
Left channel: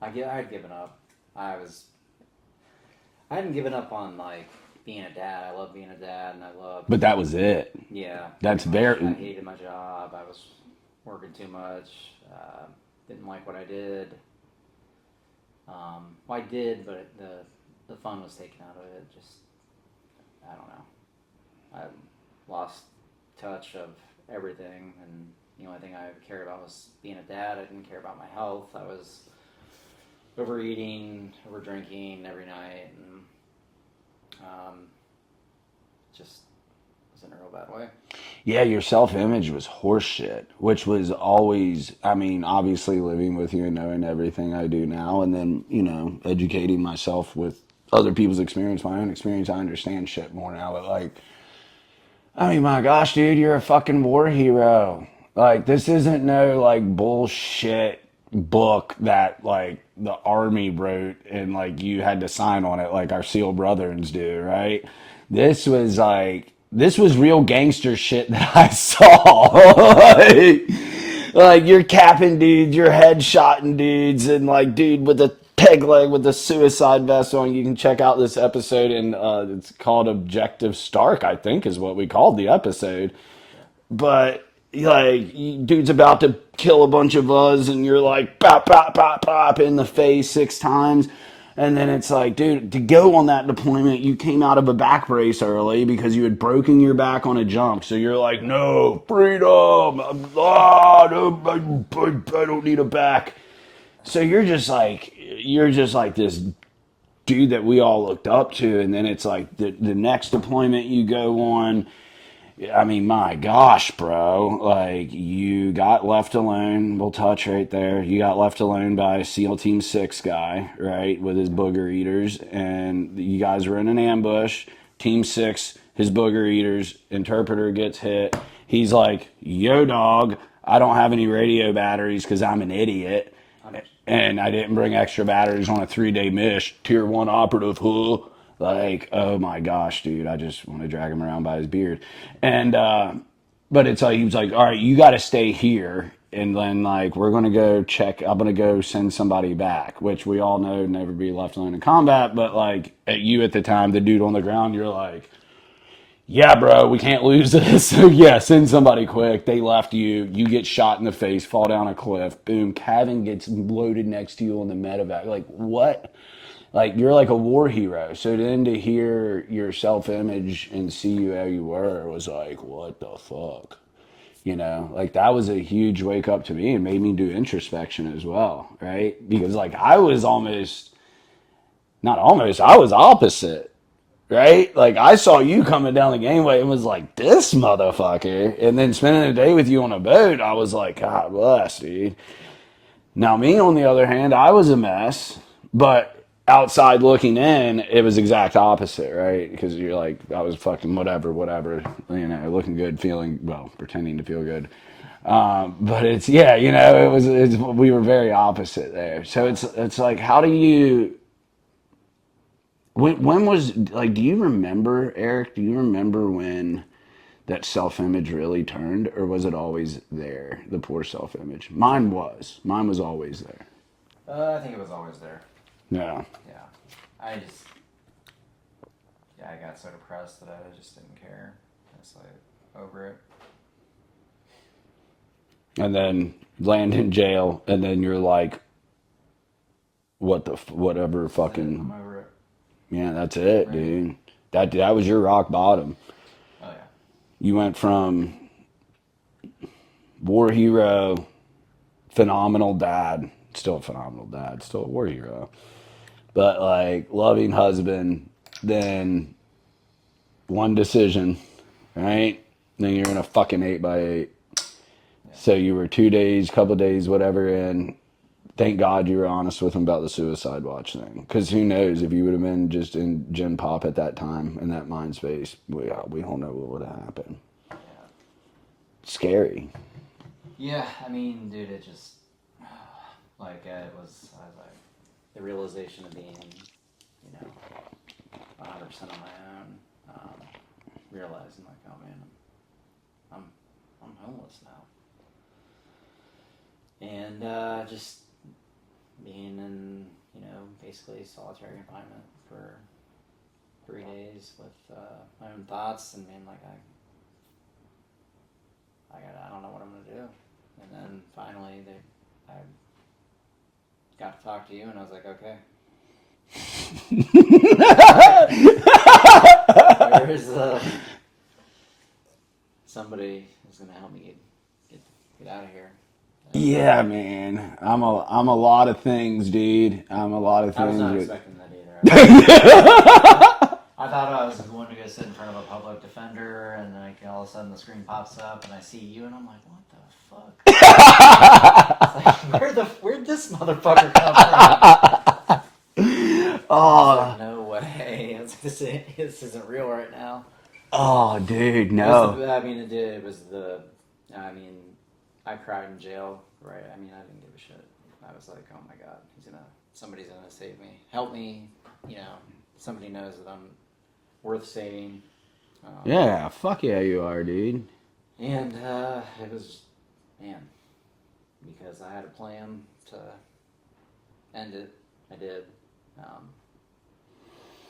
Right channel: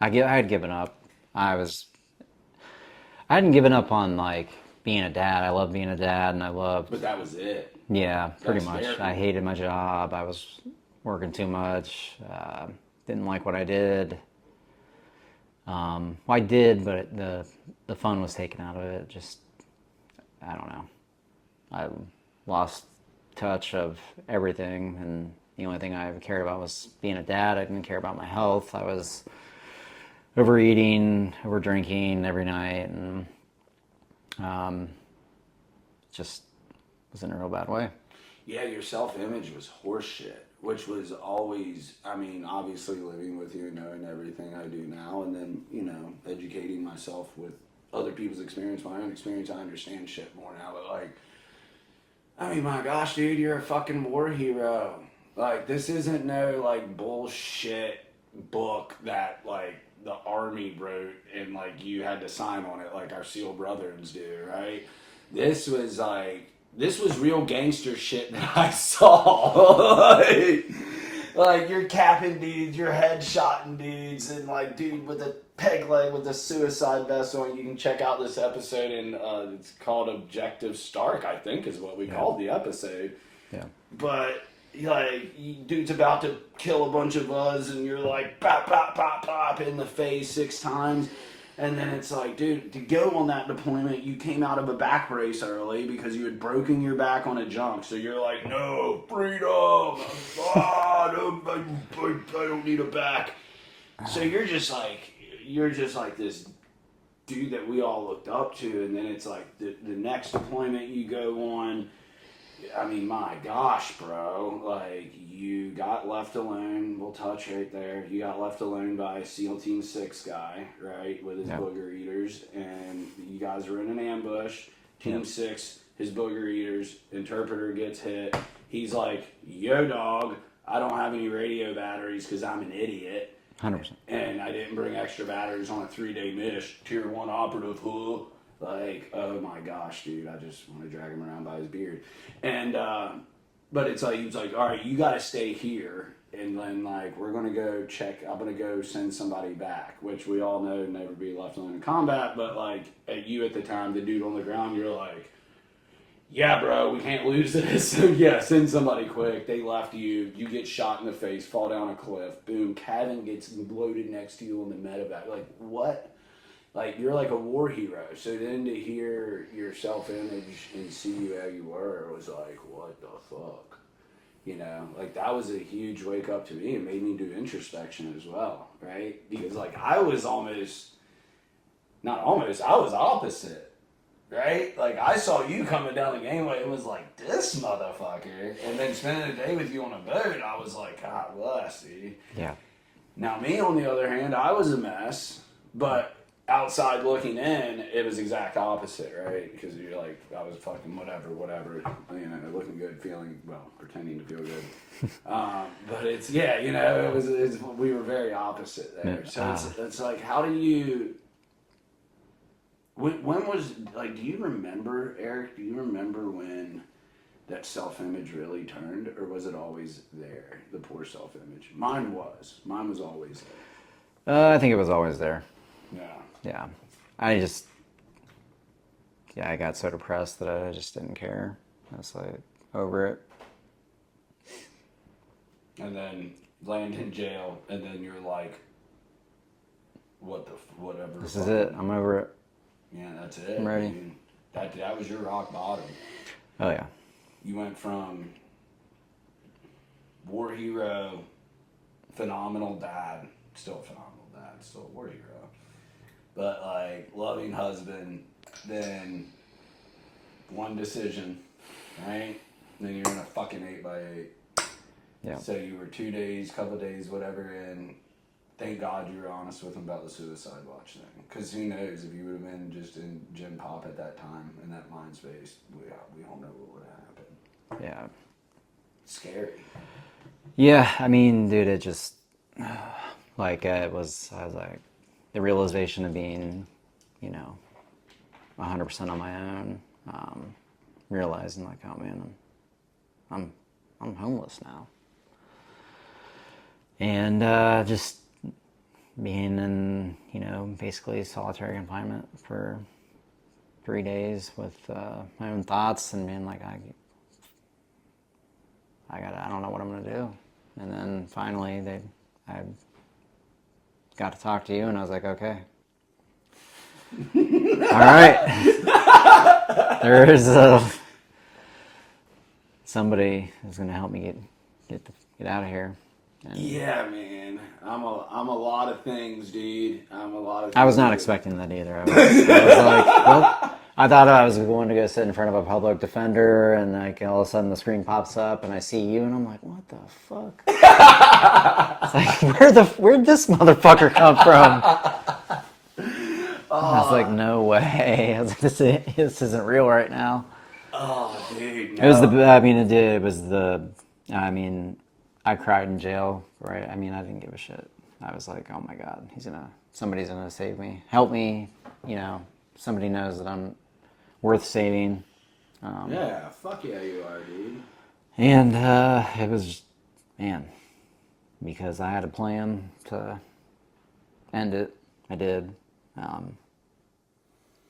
I had given up. I was. I hadn't given up on like being a dad. I loved being a dad, and I loved. But that was it. Yeah, That's pretty much. I very. hated my job. I was working too much. Didn't like what I did. Well, I did, but the fun was taken out of it. Just I don't know. I lost touch of everything, and the only thing I ever cared about was being a dad. I didn't care about my health. I was overeating, over drinking every night, and just was in a real bad way. Yeah, your self image was horseshit, which was always, I mean, obviously living with you and knowing everything I do now, and then, educating myself with other people's experience, my own experience, I understand shit more now. But, like, I mean, my gosh, dude, you're a fucking war hero. Like, this isn't no, like, bullshit book that, like, the army wrote and, like, you had to sign on it like our SEAL brothers do, right? This was, like, this was real gangster shit that I saw. like, you're capping dudes, you're headshotting dudes, and, like, dude with a peg leg with a suicide vest on. You can check out this episode, and it's called Objective Stark, I think is what we called the episode. Yeah. But like, dude's about to kill a bunch of us, and you're like, pop, pop, pop, pop in the face 6 times. And then it's like, dude, to go on that deployment, you came out of a back brace early because you had broken your back on a jump. So you're like, no, freedom. No, I don't need a back. So you're just like this dude that we all looked up to. And then it's like the next deployment you go on, I mean, my gosh, bro. Like, you got left alone. We'll touch right there. You got left alone by a SEAL Team 6 guy, right, with his booger eaters. And you guys were in an ambush. Team 6, his booger eaters, interpreter gets hit. He's like, yo, dog, I don't have any radio batteries because I'm an idiot. 100%. And I didn't bring extra batteries on a 3-day mish. Tier 1 operative, huh? Like, oh my gosh, dude, I just want to drag him around by his beard. And, but it's like, he was like, all right, you got to stay here. And then, like, we're going to go check, I'm going to go send somebody back, which we all know never be left alone in combat. But, like, at you at the time, the dude on the ground, you're like, yeah, bro, we can't lose this. So, yeah, send somebody quick. They left you. You get shot in the face, fall down a cliff. Boom. Kevin gets loaded next to you on the medevac. Like, what? Like, you're like a war hero. So then to hear your self-image and see you how you were was like, what the fuck? Like, that was a huge wake up to me and made me do introspection as well, right? Because, like, I was I was opposite, right? Like, I saw you coming down the gangway and was like, this motherfucker. And then spending a day with you on a boat, I was like, God bless, dude. Yeah. Now, me, on the other hand, I was a mess, but outside looking in, it was exact opposite, right? Because you're like, I was fucking whatever, looking good, pretending to feel good. But it's, we were very opposite there. So it's like, how do you, when was, like, do you remember, Eric, when that self-image really turned, or was it always there, the poor self-image? Mine was always there. I think it was always there. Yeah. Yeah. I got so depressed that I just didn't care. I was like, over it. And then land in jail, and then you're like, whatever, This fucking. is it. I'm over it. Yeah, that's it, Right. dude. That was your rock bottom. Oh, yeah. You went from war hero, phenomenal dad, still a phenomenal dad, still a war hero, but like loving husband, then one decision, right? Then you're in a fucking 8x8. Yeah. So you were 2 days, couple days, whatever in. Thank God you were honest with him about the suicide watch thing. Because who knows, if you would have been just in Gen Pop at that time, in that mind space, we don't know what would have happened. Yeah. Scary. Yeah, I mean, dude, it just, like, I was like, the realization of being, 100% on my own, realizing, like, oh, man, I'm homeless now. And just being in, basically solitary confinement for 3 days with my own thoughts and being like, I don't know what I'm gonna do. And then finally, I got to talk to you, and I was like, okay, all right, there's somebody who's gonna help me get out of here. Yeah, man. I'm a lot of things, dude. I'm a lot of things. I was not expecting that either. I thought I was going to go sit in front of a public defender, and like all of a sudden the screen pops up, and I see you, and I'm like, "What the fuck?" It's like, where'd this motherfucker come from? I was like, "No way!" I was like, "This isn't real right now." Oh, dude, no. It was the. I cried in jail, right? I mean, I didn't give a shit. I was like, "Oh my God, somebody's gonna save me, help me." Somebody knows that I'm worth saving. Yeah, fuck yeah, you are, dude. And it was, man, because I had a plan to end it. I did.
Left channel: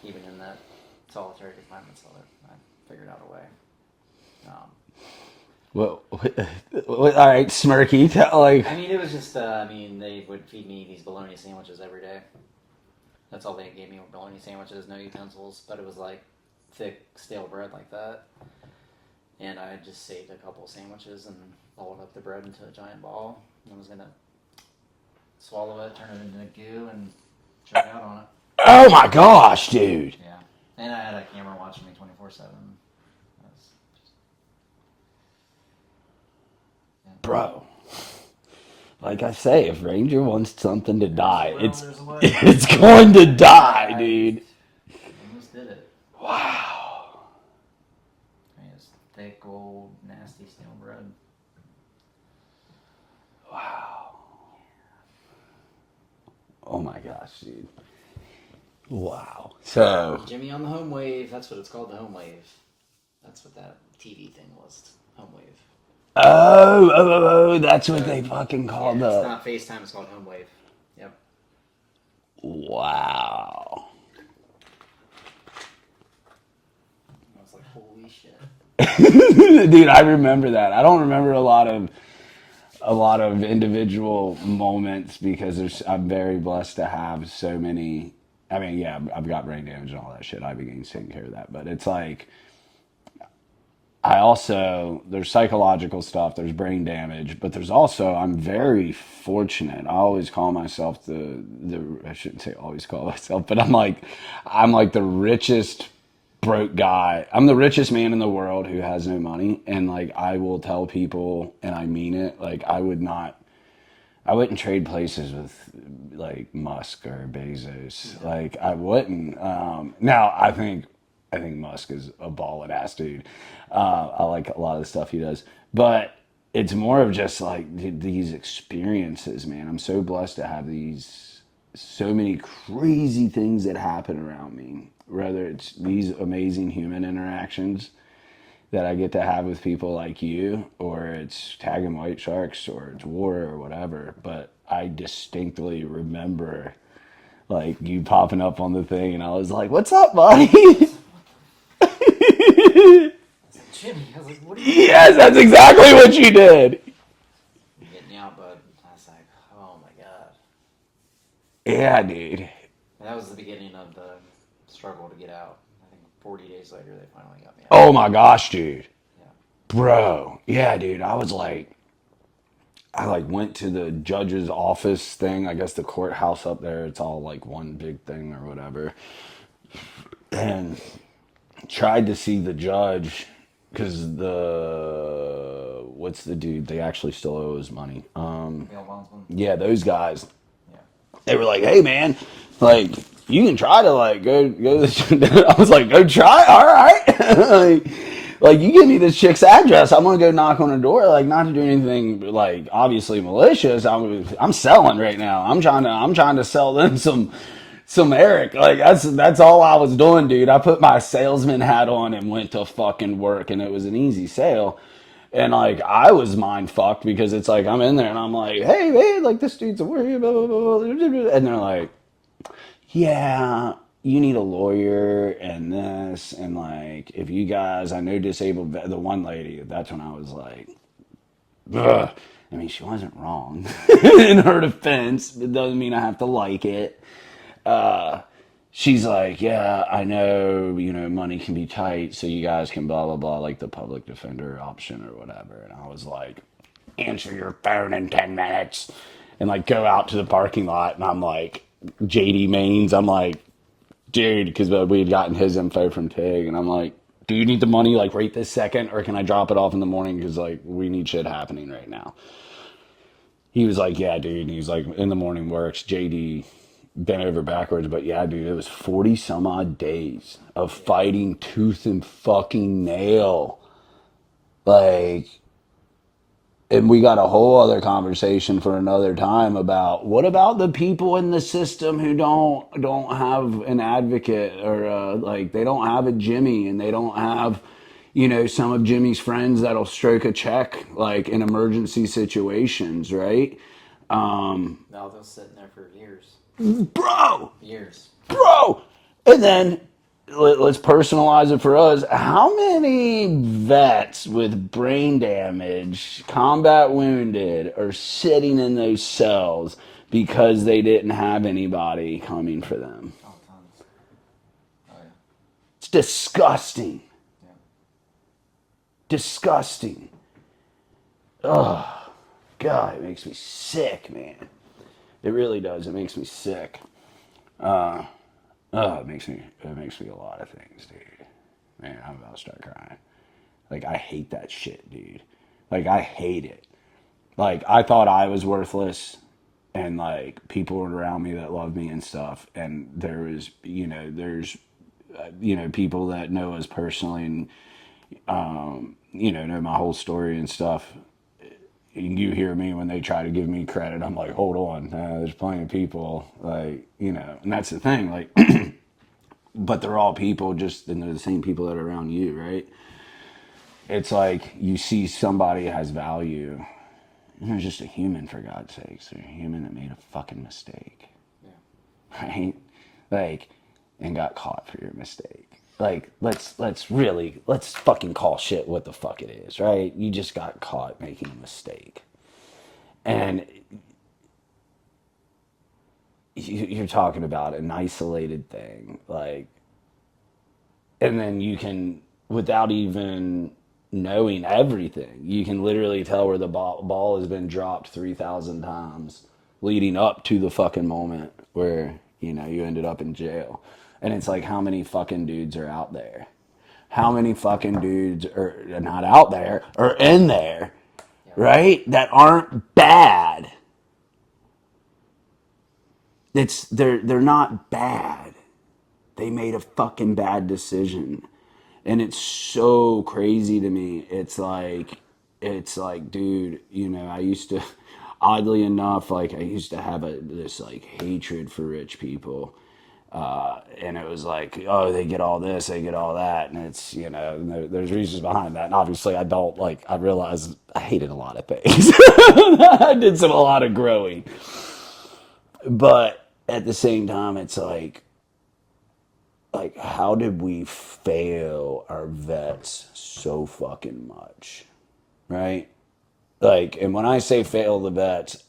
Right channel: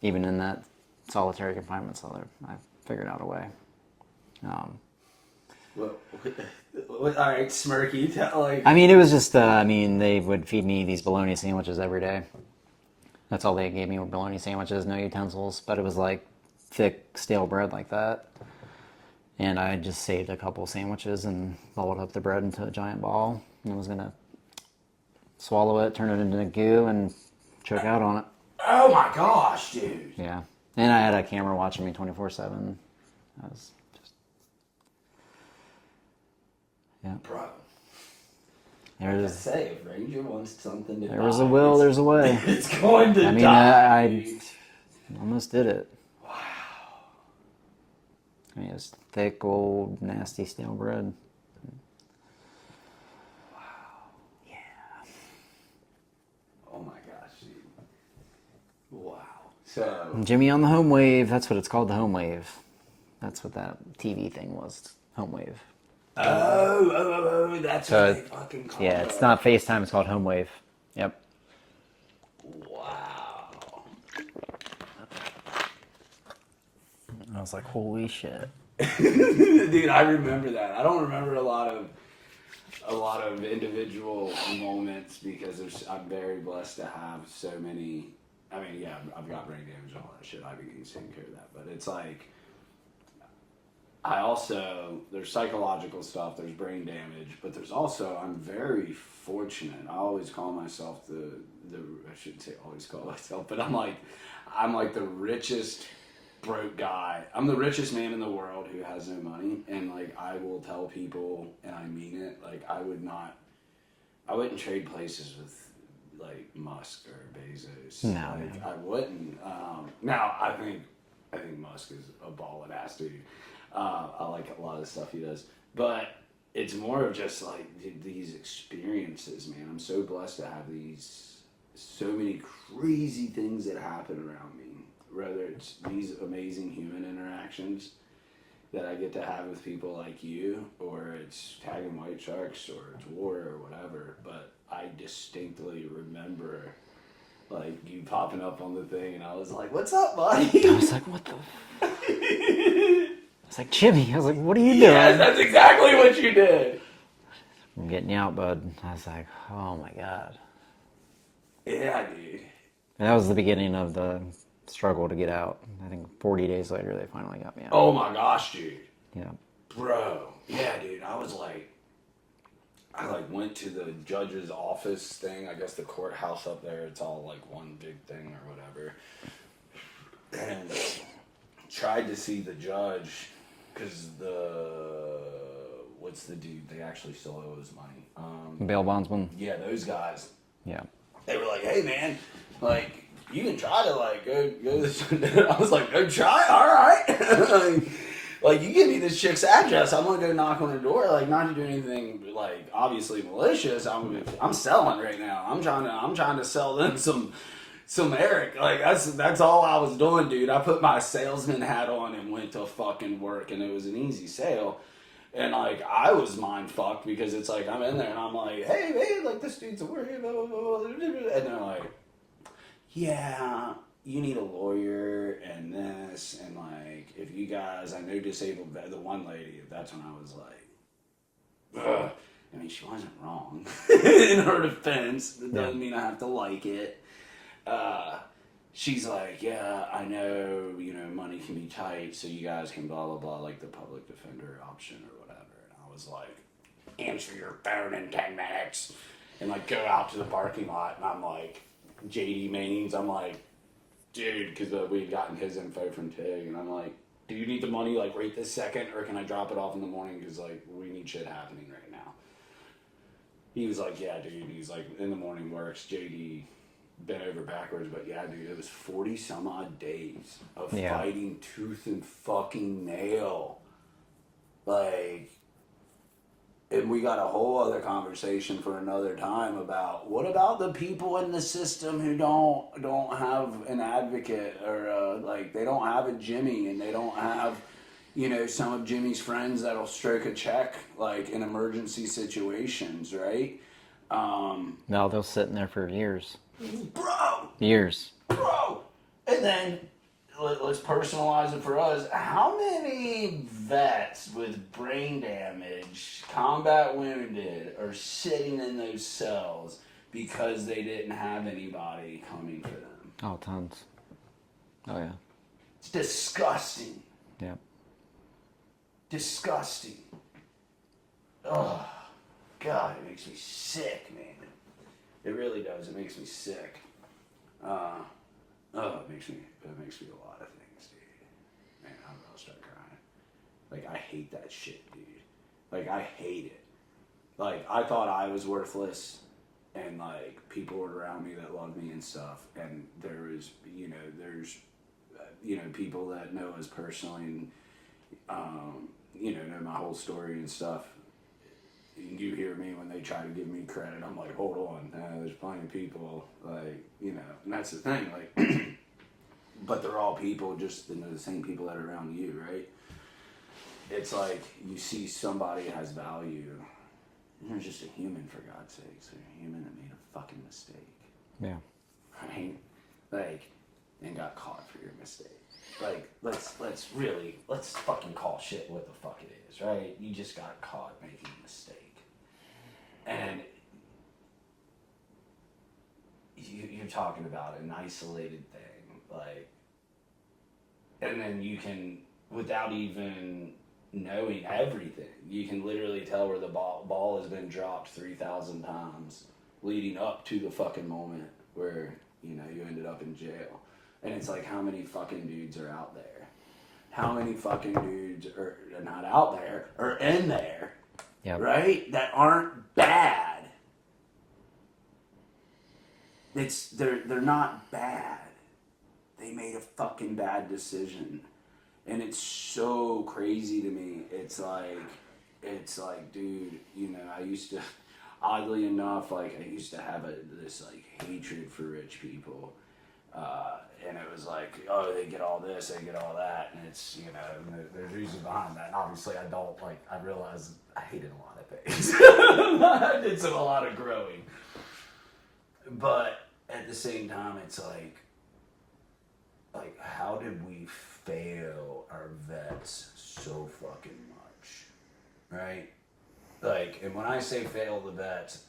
Even in that solitary confinement cell, I figured out a way. Well, all right, Smirky. It was just, they would feed me these bologna sandwiches every day. That's all they gave me were bologna sandwiches, no utensils. But it was like thick, stale bread like that. And I just saved a couple sandwiches and balled up the bread into a giant ball. And I was going to swallow it, turn it into goo, and choke out on it. Oh my gosh, dude. Yeah. And I had a camera watching me 24/7. I was just... Yeah. Bro. Yeah, Like I say, if Ranger wants something to die, there's a way. It's going to die, dude. Almost did it. Wow. It's thick, old, nasty stale bread. Wow. Yeah. Oh my gosh, dude. Wow. So Jimmy on the home wave. That's what it's called, the home wave. That's what that TV thing was. Home wave. Oh, that's what they fucking call it. Yeah, it's not FaceTime, it's called home wave. Yep. Wow. I was like, holy shit. Dude, I remember that. I don't remember a lot of individual moments because I'm very blessed to have so many. I mean, yeah, I've got brain damage and all that shit. Ibogaine's taking care of that. But it's like, there's psychological stuff, there's brain damage, but there's also, I'm very fortunate. I always call myself I shouldn't say always call myself, but I'm like the richest broke guy. I'm the richest man in the world who has no money. And like, I will tell people, and I mean it, like I wouldn't trade places with like Musk or Bezos. No. Like I wouldn't. Now I think Musk is a ballin' ass dude. I like a lot of the stuff he does, but it's more of just like these experiences, man. I'm so blessed to have so many crazy things that happen around me, whether it's these amazing human interactions that I get to have with people like you, or it's tagging white sharks, or it's war or whatever. But I distinctly remember like you popping up on the thing and I was like, "What's up, buddy?" I was like, what the I was like, Jimmy. I was like, what are you doing? Yes, that's exactly what you did. I'm getting you out, bud. I was like, oh my God. Yeah, dude. And that was the beginning of the struggle to get out. I think 40 days later, they finally got me out. Oh my gosh, dude. Yeah. Bro. Yeah, dude. I was like, I like went to the judge's office thing. I guess the courthouse up there. It's all like one big thing or whatever. And tried to see the judge because what's the dude? They actually still owe his money. Bail bondsman. Yeah, those guys. Yeah. They were like, "Hey, man, like you can try to like go this." I was like, "Go try, all right." like you give me this chick's address, I'm gonna go knock on her door. Like not to do anything like obviously malicious. I'm selling right now. I'm trying to sell them some Eric. Like that's all I was doing, dude. I put my salesman hat on and went to fucking work, and it was an easy sale. And like I was mind fucked because it's like I'm in there and I'm like, hey man, like this dude's a worry, blah, blah, blah, blah. And they're like, yeah, you need a lawyer and this and like if you guys, I know disabled the one lady. That's when I was like, ugh. I mean, she wasn't wrong in her defense. It doesn't mean I have to like it. She's like, yeah, I know, money can be tight, so you guys can blah, blah, blah, like the public defender option or whatever. And I was like, answer your phone in 10 minutes. And like go out to the parking lot. And I'm like, JD Maines, I'm like, dude, because we had gotten his info from Tig. And I'm like, do you need the money like right this second? Or can I drop it off in the morning? Because like we need shit happening right now. He was like, yeah, dude. And he's like, in the morning works. JD bent over backwards, but yeah, dude, it was 40 some odd days of fighting tooth and fucking nail. Like, and we got a whole other conversation for another time about what about the people in the system who don't have an advocate or like they don't have a Jimmy and they don't have some of Jimmy's friends that'll stroke a check like in emergency situations, right? No, they'll sit in there for years. Bro, Years. bro. And then let's personalize it for us. How many vets with brain damage, combat wounded, are sitting in those cells because they didn't have anybody coming for them? Oh, tons. Oh, yeah. It's disgusting. Yeah. Disgusting. Oh, God, it makes me sick, man. It really does. It makes me sick. It makes me a lot of things, dude. Man, I'm about to start crying. Like, I hate that shit, dude. Like, I hate it. Like, I thought I was worthless, and like people were around me that loved me and stuff. And there was, there's, people that know us personally and, know my whole story and stuff. You hear me when they try to give me credit. I'm like, hold on, there's plenty of people, like, and that's the thing, like, but they're all people, and they're the same people that are around you, right? It's like you see somebody has value, and they're just a human, for God's sakes. They're a human that made a fucking mistake. Yeah. Right? Like, and got caught for your mistake. Like, let's fucking call shit what the fuck it is, right? You just got caught making a mistake. And you're talking about an isolated thing, like, and then you can, without even knowing everything, you can literally tell where the ball has been dropped 3,000 times leading up to the fucking moment where, you ended up in jail. And it's like, how many fucking dudes are out there? How many fucking dudes are not out there, or in there, Yep. right? That aren't bad. They're not bad. They made a fucking bad decision. And it's so crazy to me. It's like, dude, I used to, oddly enough, like I used to have this like hatred for rich people. And it was like, oh, they get all this, they get all that. And it's, there's reasons behind that. And obviously I realized I hated a lot of things. I did a lot of growing. But at the same time, it's like, how did we fail our vets so fucking much? Right? Like, and when I say fail the vets,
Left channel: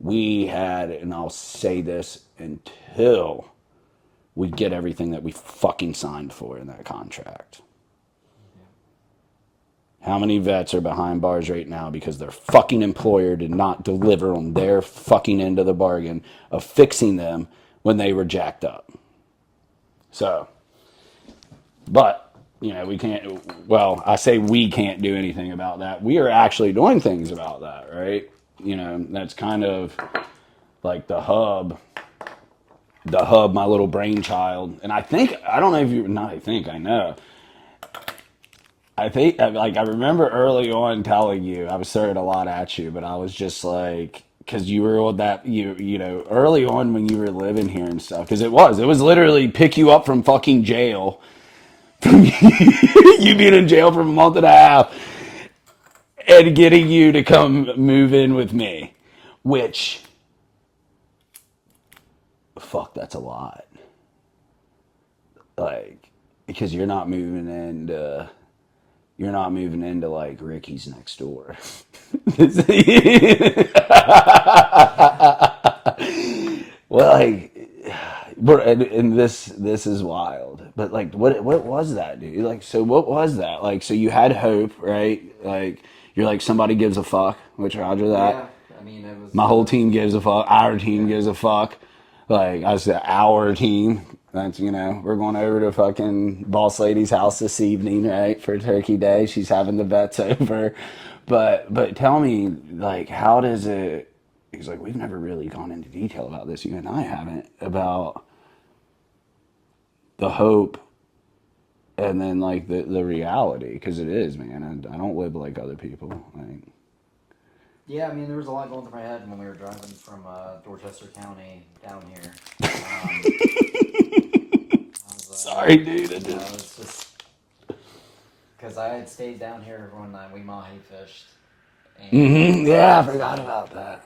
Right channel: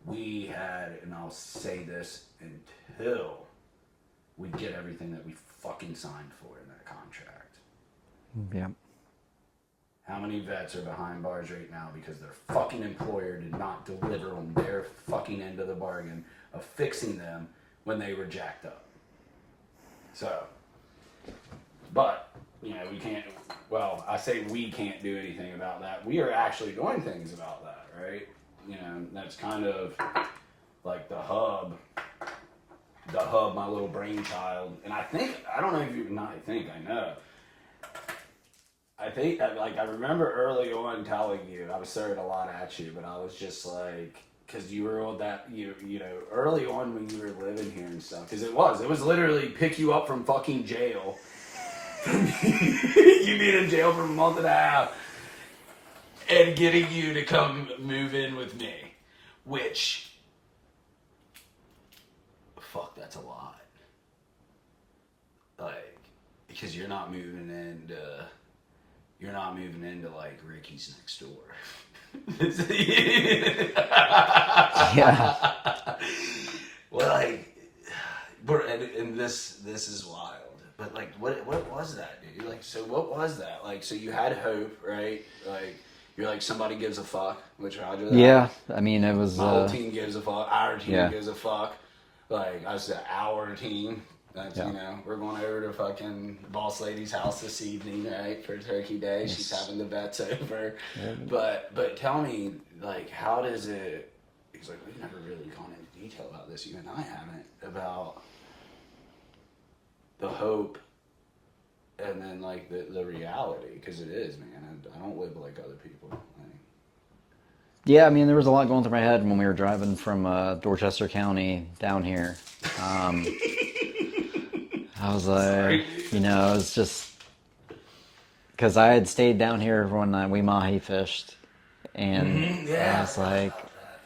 we had, and I'll say this until we get everything that we fucking signed for in that contract. Yeah. How many vets are behind bars right now because their fucking employer did not deliver on their fucking end of the bargain of fixing them when they were jacked up? So, but, you know, we can't, well, I say we can't do anything about that. We are actually doing things about that, right? You know, that's kind of like the hub, my little brainchild. And I think, I don't know if you, not I think, I know. I think, like, I remember early on telling you, I was throwing a lot at you, but I was just like, because you were on that, you know, early on when you were living here and stuff, because it was literally pick you up from fucking jail, you being in jail for a month and a half, and getting you to come move in with me, which, fuck, that's a lot. Like, because you're not moving into like Ricky's next door. Yeah. Well, like, and this is wild. But like, what was that, dude? Like, so what was that? Like, so you had hope, right? Like, you're like somebody gives a fuck, which Roger that. Yeah. I mean, it was My whole team gives a fuck. Our team yeah. gives a fuck. Like I said, our team. That's you know, we're going over to fucking boss lady's house this evening, right, for Turkey Day. She's having the vets over. But tell me, like, how does it? He's like, we've never really gone into detail about this. You and I haven't about the hope, and then like the reality, because it is, man. I don't live like other people. Like, Yeah, I mean, there was a lot going through my head when we were driving from Dorchester County down here. I was like, sorry, dude. you know, it's just because I had stayed down here when we mahi fished, and Yeah, I I was forgot like, about that.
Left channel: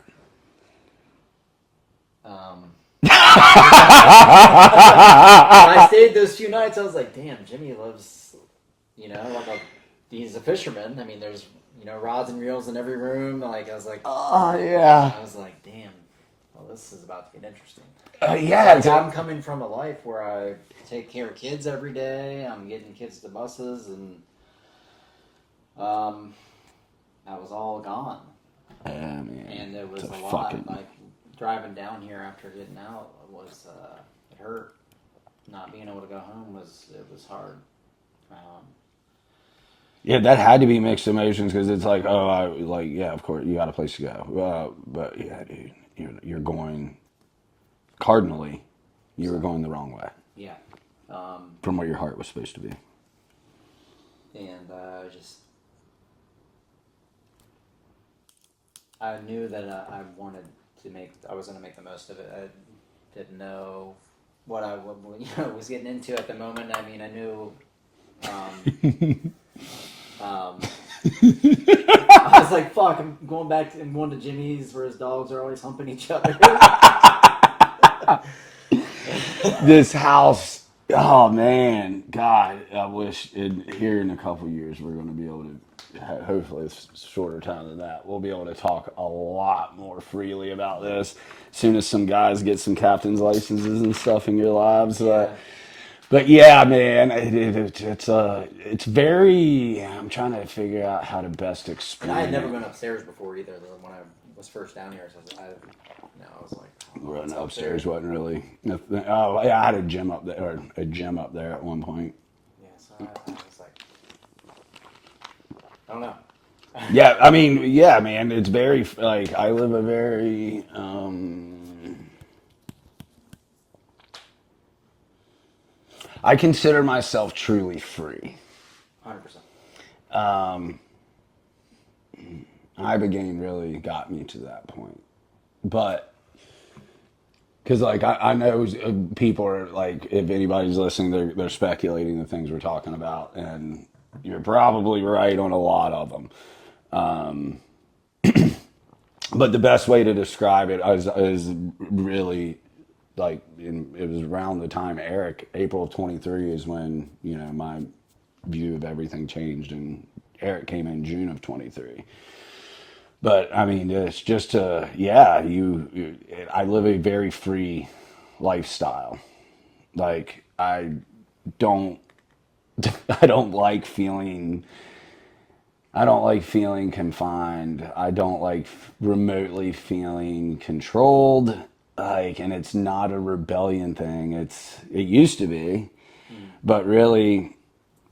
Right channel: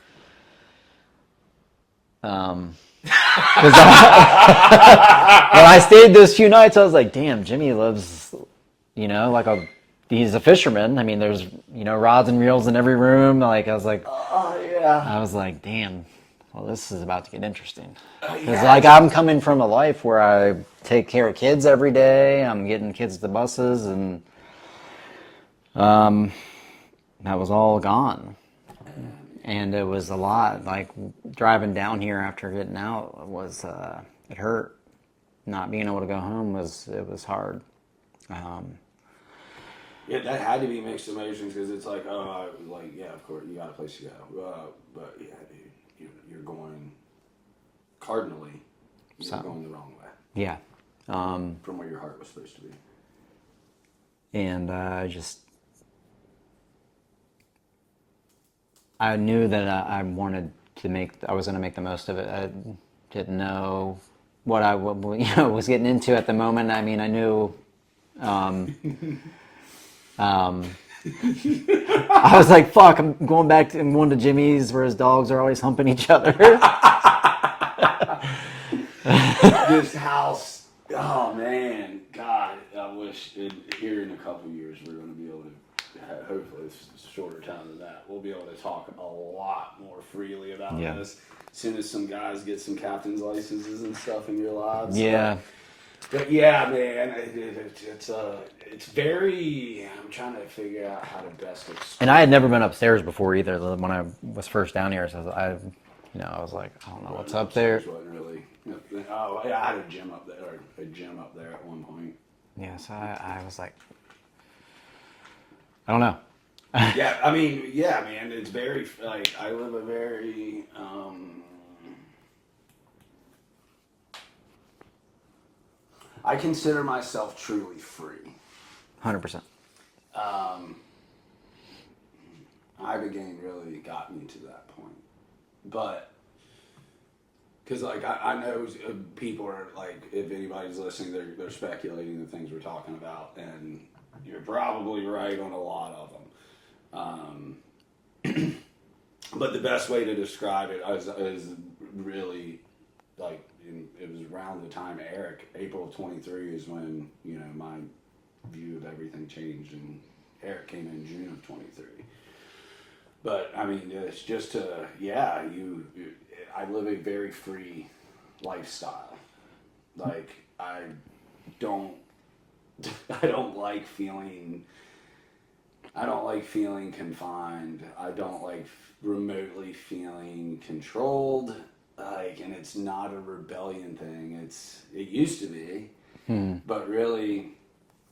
when I stayed those few nights, I was like, damn, Jimmy lives, you know, he's a fisherman. I mean, there's, you know, rods and reels in every room. Like, Oh yeah. I was like, damn, well, this is about to get interesting. Yeah. Like, I'm coming from a life where I take care of kids every day. I'm getting kids to buses, and that was all gone. And it was a lot. Like, driving down here after getting out was, it hurt. Not being able to go home was hard. Yeah, that had to be mixed emotions because it's like, oh, like yeah, of course you got a place to go, but yeah, dude, you're going cardinally, you were going the wrong way Yeah. from what your heart was supposed to be. And I knew that I wanted to I was going to make the most of it. I didn't know what I was getting into at the moment. I mean, I knew. I was like, "Fuck! I'm going back to going to Jimmy's where his dogs are always humping each other." This house, oh man, God, I wish here in a couple years we're going to be able to. Hopefully, it's a shorter time than that. We'll be able to talk a lot more freely about this. As soon as some guys get some captain's licenses and stuff in your lives. Yeah. But yeah, man, it's very. I'm trying to figure out how to best explain. And I had never been upstairs before either. When I was first down here, so I was like, I don't know what's up there. Wasn't really. Oh yeah, I had a gym up there, at one point. Yeah, so I was like, I don't know. Yeah, I mean, yeah, man, it's very like I live a very. I consider myself truly free. 100%. Ibogaine really got me to that point. But, because like I know people are like, if anybody's listening, they're speculating the things we're talking about, and you're probably right on a lot of them. But the best way to describe it is really like it was around the time April of 23 is when my view of everything changed, and Eric came in June of 23. But I mean, it's just I live a very free lifestyle. Like I don't like feeling. I don't like feeling confined. I don't like remotely feeling controlled. Like, and it's not a rebellion thing. It used to be, but really,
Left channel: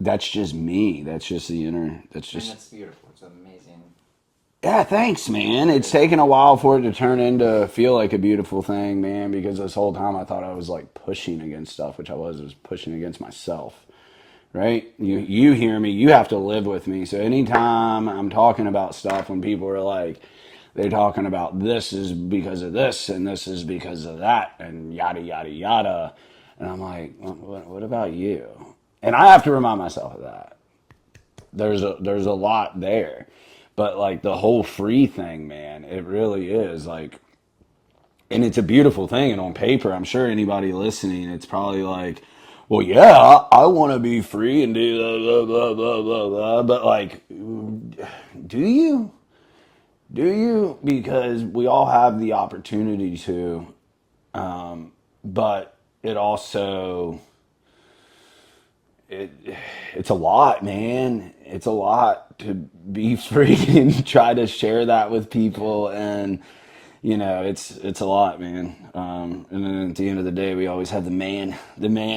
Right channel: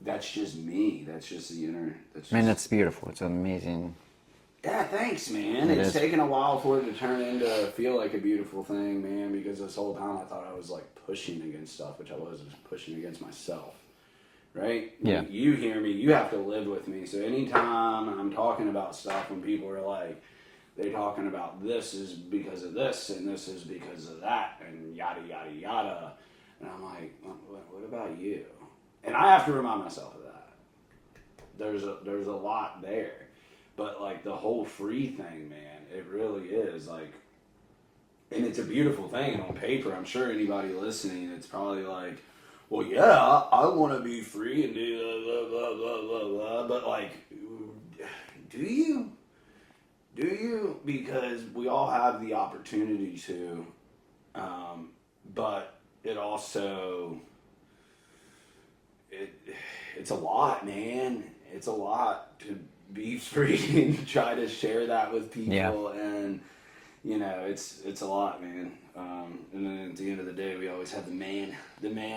that's just me. That's just the inner. That's Man, just. that's beautiful. It's amazing. Yeah, thanks, man. It It's is. taken a while for it to turn into feel like a beautiful thing, man. Because this whole time I thought I was like pushing against stuff, which I was pushing against myself. Right? Yeah. You hear me, you have to live with me. So anytime I'm talking about stuff when people are like, they're talking about this is because of this and this is because of that and yada, yada, yada. And I'm like, what about you? And I have to remind myself of that. There's a lot there. But like the whole free thing, man, it really is like, and it's a beautiful thing. And on paper, I'm sure anybody listening, it's probably like, well, yeah, I want to be free and do blah, blah, blah, blah, blah. But like, do you? Do you? Because we all have the opportunity to, but it also, it it's a lot, man. It's a lot to be free and try to share that with Yeah. people and it's a lot, man. And then at the end of the day, we always have the man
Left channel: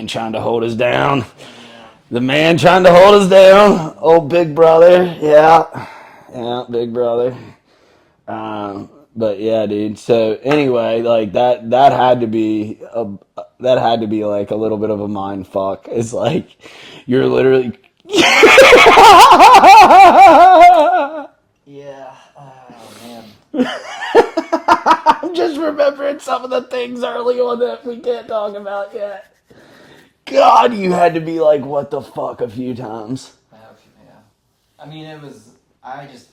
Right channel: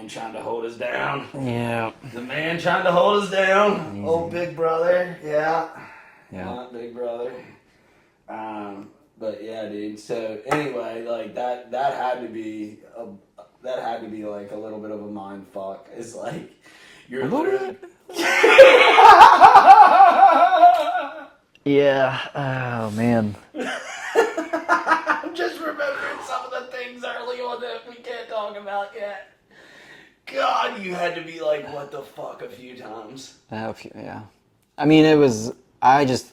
trying to hold us down. Yeah. The man trying to hold us down. Oh, big brother. Yeah, big brother. But yeah, dude. So anyway, like that had to be like a little bit of a mind fuck. It's like you're literally. Yeah. Oh man. I'm just remembering some of the things early on that we can't talk about yet. God, you had to be like, what the fuck a few times. Yeah. I mean, it was. I just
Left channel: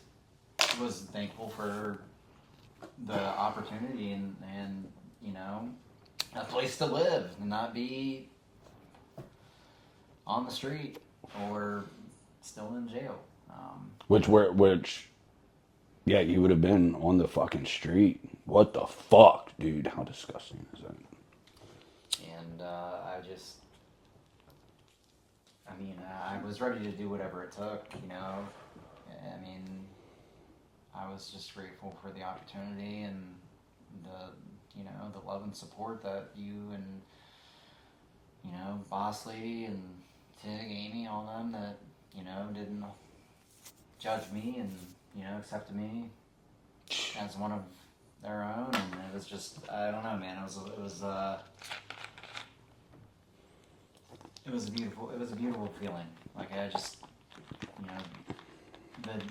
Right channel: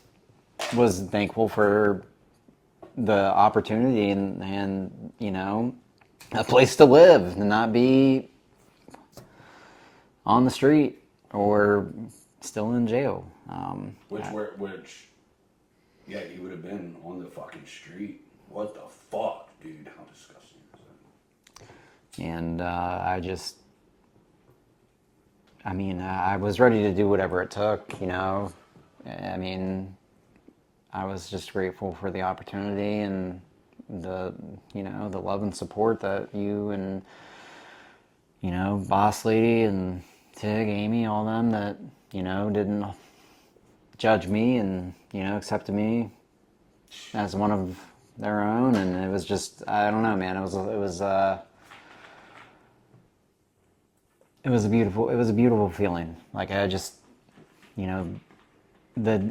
was thankful for the opportunity and a place to live and not be on the street or still in jail. Yeah, you would have been on the fucking street. What the fuck, dude? How disgusting is that? And I was ready to do whatever it took, I mean, I was just grateful for the opportunity and the love and support that you and, Boss Lady and Tig, Amy, all them that, didn't judge me and, accepted me as one of their own. And it was just, I don't know, man, it was a beautiful feeling. Like I just, the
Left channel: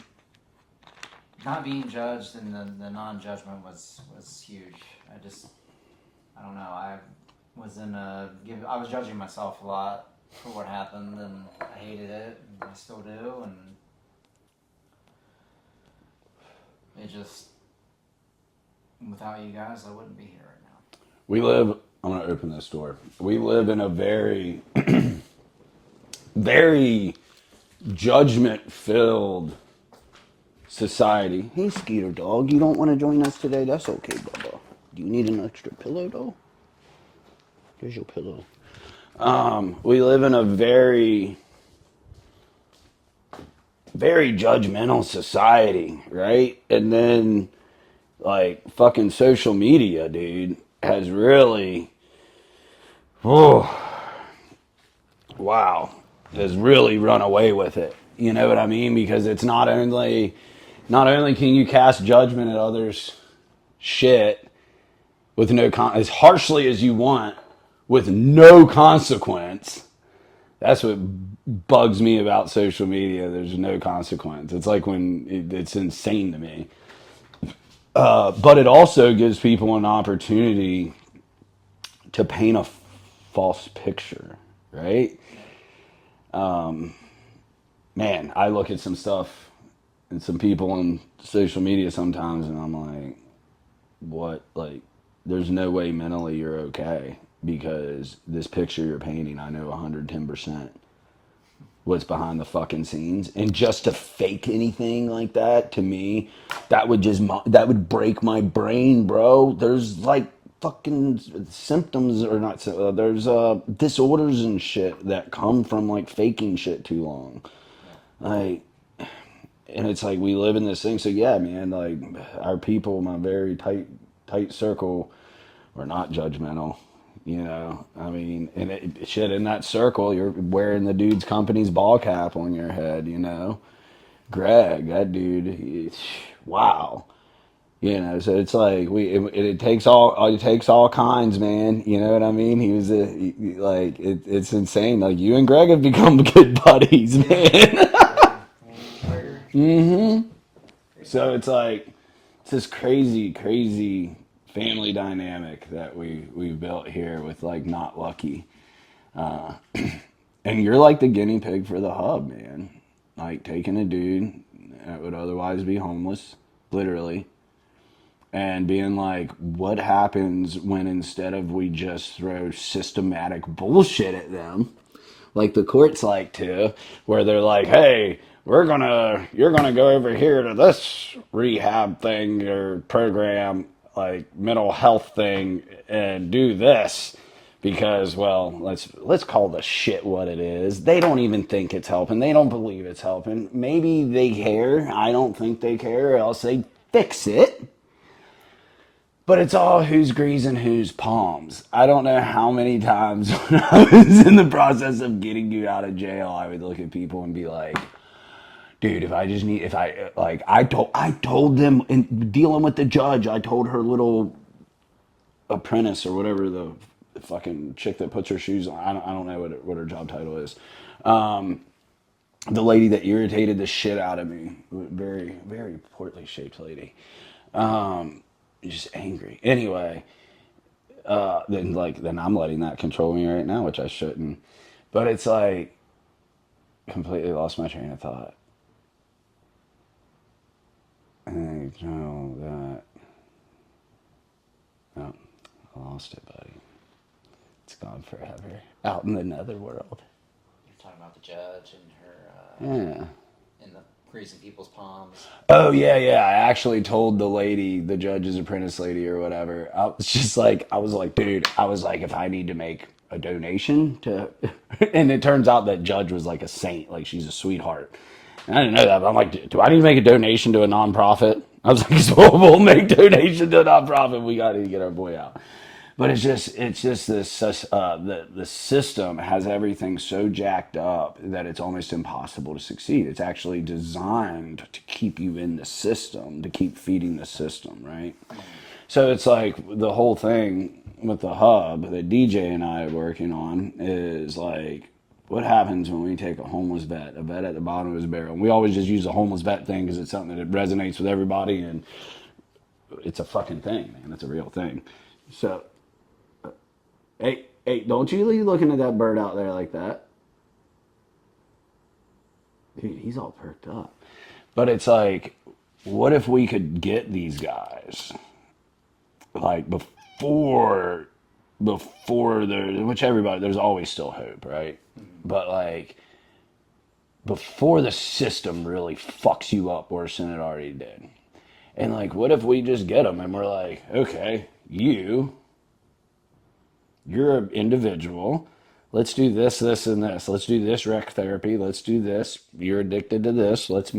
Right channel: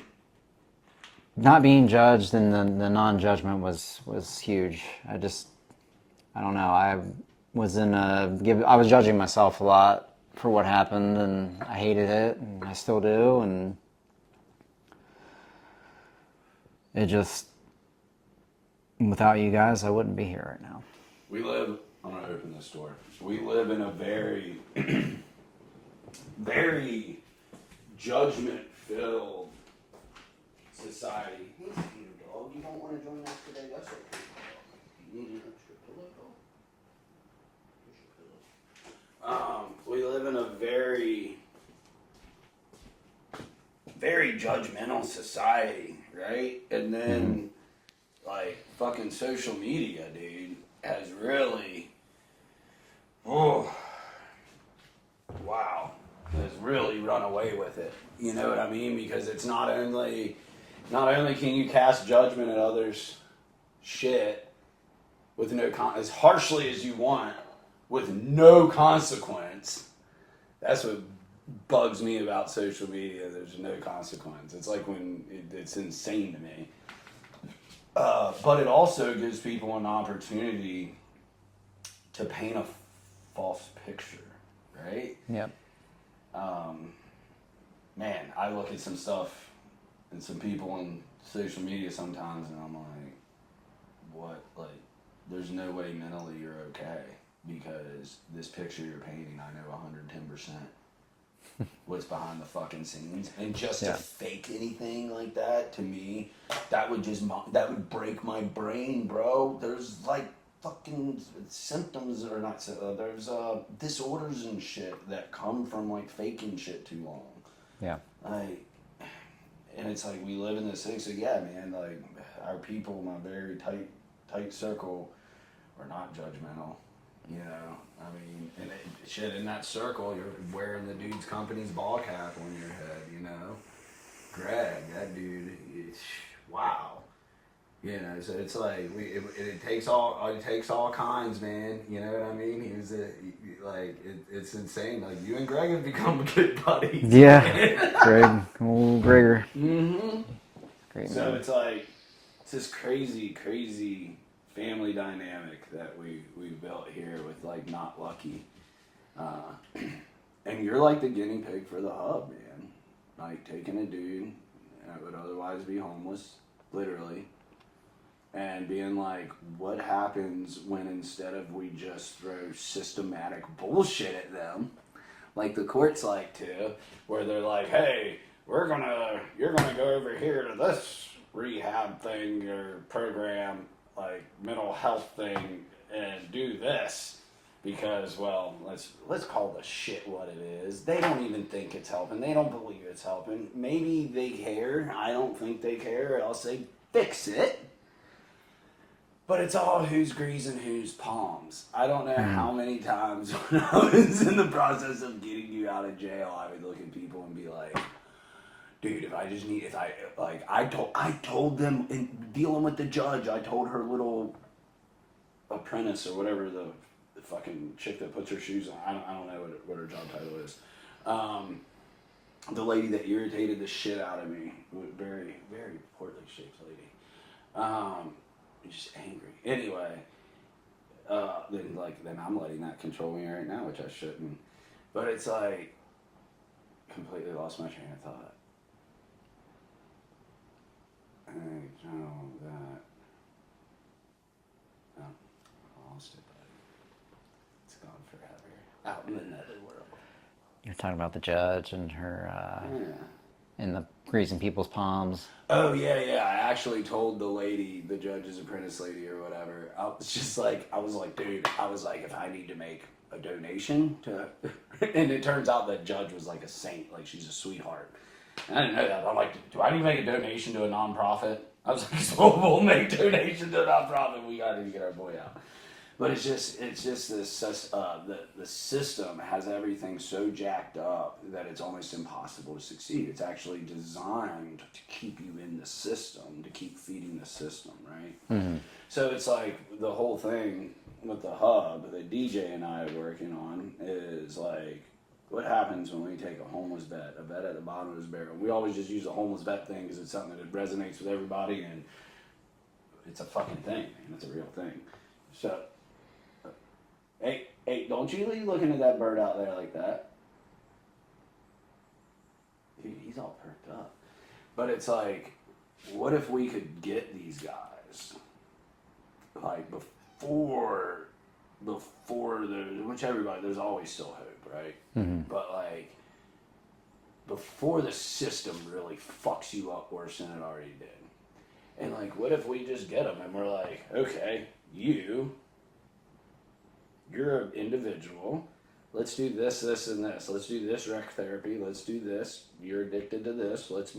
not being judged and the non-judgment was huge. I don't know. I was judging myself a lot for what happened, and I hated it, and I still do, and it just, without you guys, I wouldn't be here right now. I'm going to open this door. We live in a very, very judgment-filled society. Hey, Skeeter dog, you don't want to join us today? That's okay, Bubba. Do you need an extra pillow, though? Here's your pillow. We live in a very, very judgmental society, right? And then, like, fucking social media, dude, has really, has really run away with it. You know what I mean? Because it's not only can you cast judgment at others' shit with as harshly as you want, with no consequence. That's what bugs me about social media. There's no consequence. It's like it's insane to me. But it also gives people an opportunity to paint a false picture, right? Yep. Man, I look at some stuff and some people on social media sometimes, and I'm like, what? Like, there's no way mentally you're okay because this picture you're painting, I know 110% what's behind the fucking scenes. And just to fake anything like that, to me, that would break my brain, bro. There's like fucking symptoms or not, there's disorders and shit that come from like faking shit too long. Yeah. Like, and it's like we live in this thing. So yeah, man, like our people, my very tight circle, we're not judgmental. You know, I mean, and shit, in that circle, you're wearing the dude's company's ball cap on your head. You know, Greg, that dude, wow. You know, so it's like it takes all kinds, man. You know what I mean? He was it's insane. Like you and Greg have become good buddies. Yeah. Man. Greg, old Gregor. Great So man. it's like it's this crazy family dynamic that we've built here with like Not Lucky, and you're like the guinea pig for the hub, man. Like taking a dude that would otherwise be homeless, literally, and being like, what happens when instead of we just throw systematic bullshit at them, like the courts like to, where they're like, hey, you're gonna go over here to this rehab thing or program, like mental health thing, and do this because, well, let's call the shit what it is. They don't even think it's helping. They don't believe it's helping. Maybe they care. I don't think they care, or else they fix it. But it's all who's greasing whose palms. I don't know how many times when I was in the process of getting you out of jail, I would look at people and be like, dude, I told them in dealing with the judge, I told her little apprentice or whatever, the fucking chick that puts her shoes on. I don't know what her job title is. The lady that irritated the shit out of me, very, very poorly shaped lady. Just angry. Anyway, then I'm letting that control me right now, which I shouldn't. But it's like completely lost my train of thought. I know that. No, I lost it, buddy. It's gone forever. Out in the netherworld. You're talking about the judge and her Yeah. and the greasing people's palms. Oh yeah. I actually told the lady, the judge's apprentice lady or whatever. I was like, dude, if I need to make a donation to, and it turns out that judge was like a saint, like she's a sweetheart. And I didn't know that, but I'm like, do I need to make a donation to a nonprofit? I was like, so we'll make donation to a nonprofit. We got to get our boy out. But it's just this the system has everything so jacked up that it's almost impossible to succeed. It's actually designed to keep you in the system, to keep feeding the system, right? Mm-hmm. So it's like the whole thing with the hub that DJ and I are working on is like, what happens when we take a homeless vet, a vet at the bottom of his barrel? And we always just use the homeless vet thing because it's something that resonates with everybody, and it's a fucking thing, man. It's a real thing. So. Hey, don't you be looking at that bird out there like that. Dude, he's all perked up. But it's like, what if we could get these guys, like, before which everybody, there's always still hope, right? Mm-hmm. But, like, before the system really fucks you up worse than it already did. And, like, what if we just get them and we're like, okay, you're an individual. Let's do this, this, and this. Let's do this rec therapy. Let's do this. You're addicted to this. Let's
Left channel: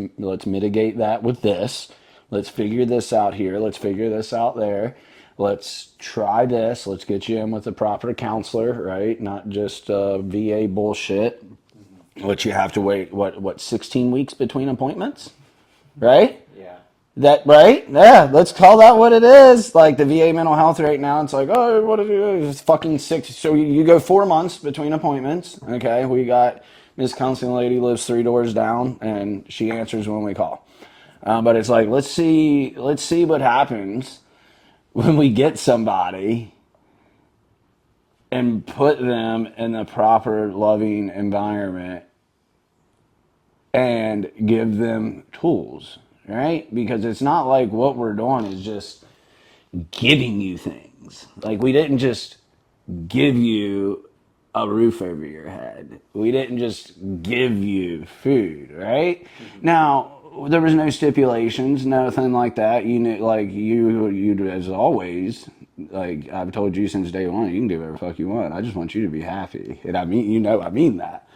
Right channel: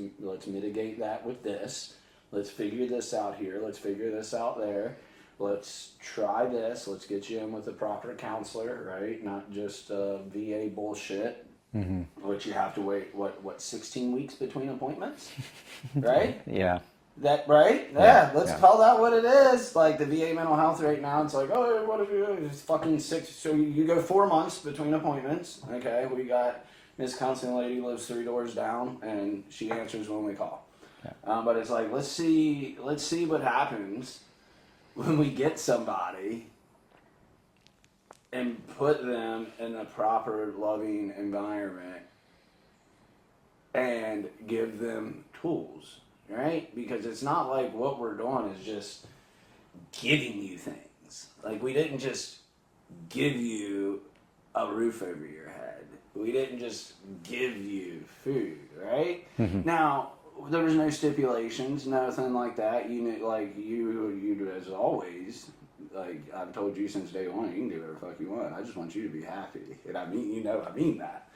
mitigate that with this. Let's figure this out here. Let's figure this out there. Let's try this. Let's get you in with a proper counselor, right? Not just VA bullshit. Mm-hmm. Which you have to wait, 16 weeks between appointments? Right? Yeah. That right? Yeah, let's call that what it is. Like the VA mental health right now, it's like, oh, what is it? It's fucking 6. So you go 4 months between appointments. Okay, we got Miss Counseling Lady lives 3 doors down, and she answers when we call. But it's like, let's see what happens when we get somebody and put them in the proper loving environment and give them tools. Right? Because it's not like what we're doing is just giving you things. Like, we didn't just give you a roof over your head. We didn't just give you food, right? Mm-hmm. Now, there was no stipulations, nothing like that. You as always, like I've told you since day one, you can do whatever the fuck you want. I just want you to be happy. And I mean that.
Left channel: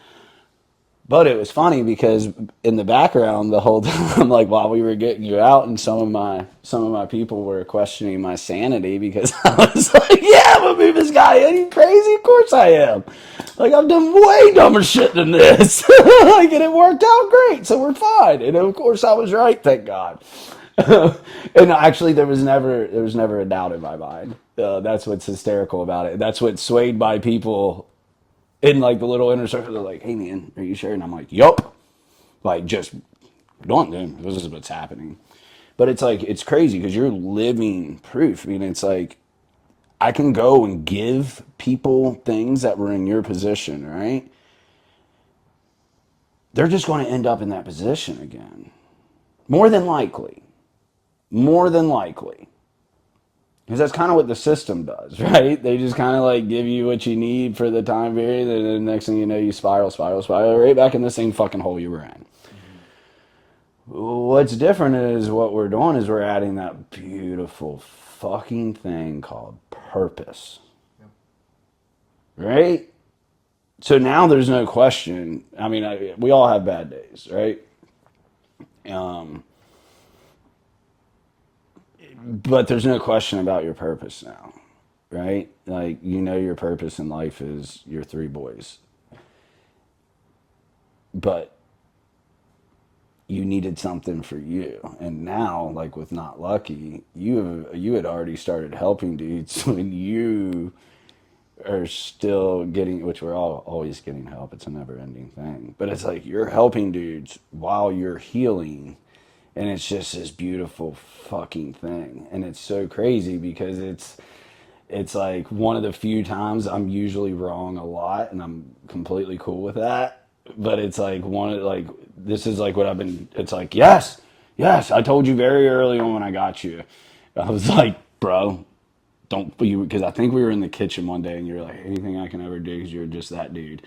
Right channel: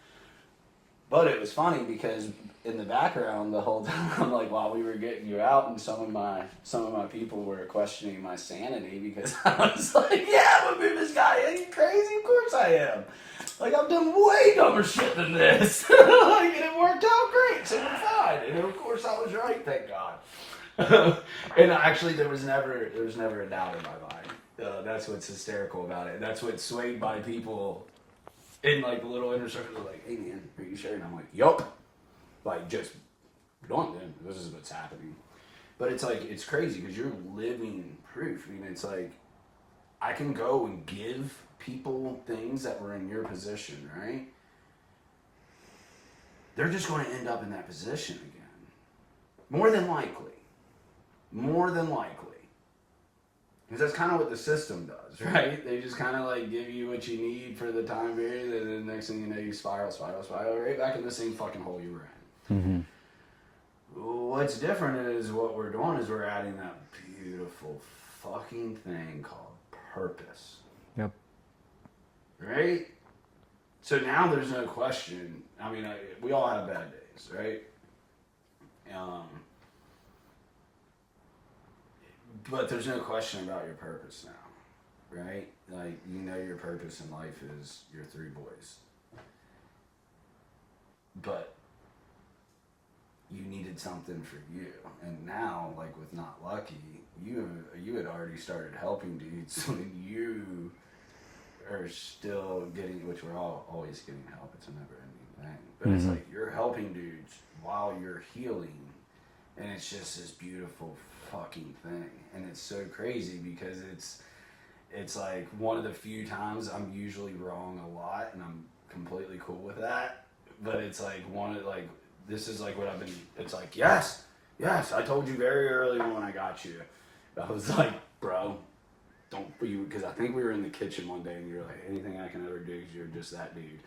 But it was funny because in the background the whole time, like while we were getting you out, and some of my people were questioning my sanity because I was like, "Yeah, I'm gonna move this guy. Are you crazy? Of course I am. Like I've done way dumber shit than this. Like and it worked out great, so we're fine." And of course I was right, thank God. And actually, there was never a doubt in my mind. That's what's hysterical about it. That's what swayed by people in like the little inner circle. They're like, "Hey man, are you sure?" And I'm like, "Yup." Like just don't do. This is what's happening. But it's like it's crazy because you're living proof. I mean, it's like I can go and give people things that were in your position, right? They're just going to end up in that position again. More than likely. More than likely. Because that's kind of what the system does, right? They just kind of like give you what you need for the time period, and then the next thing you know, you spiral right back in the same fucking hole you were in. Mm-hmm. What's different is what we're doing is we're adding that beautiful fucking thing called purpose, Yep. right? So now there's no question. I mean, we all have bad days, right? But there's no question about your purpose now, right? Like, you know, your purpose in life is your three boys. But you needed something for you. And now, like with Not Lucky, you had already started helping dudes when you are still getting, which we're all always getting help. It's a never ending thing. But it's like you're helping dudes while you're healing. And it's just this beautiful fucking thing. And it's so crazy because it's like one of the few times I'm usually wrong a lot, and I'm completely cool with that. But it's like one of like this is like what I've been. It's like yes, I told you very early on when I got you. I was like, bro, don't you because I think we were in the kitchen one day, and you're like, anything I can ever do because you're just that dude,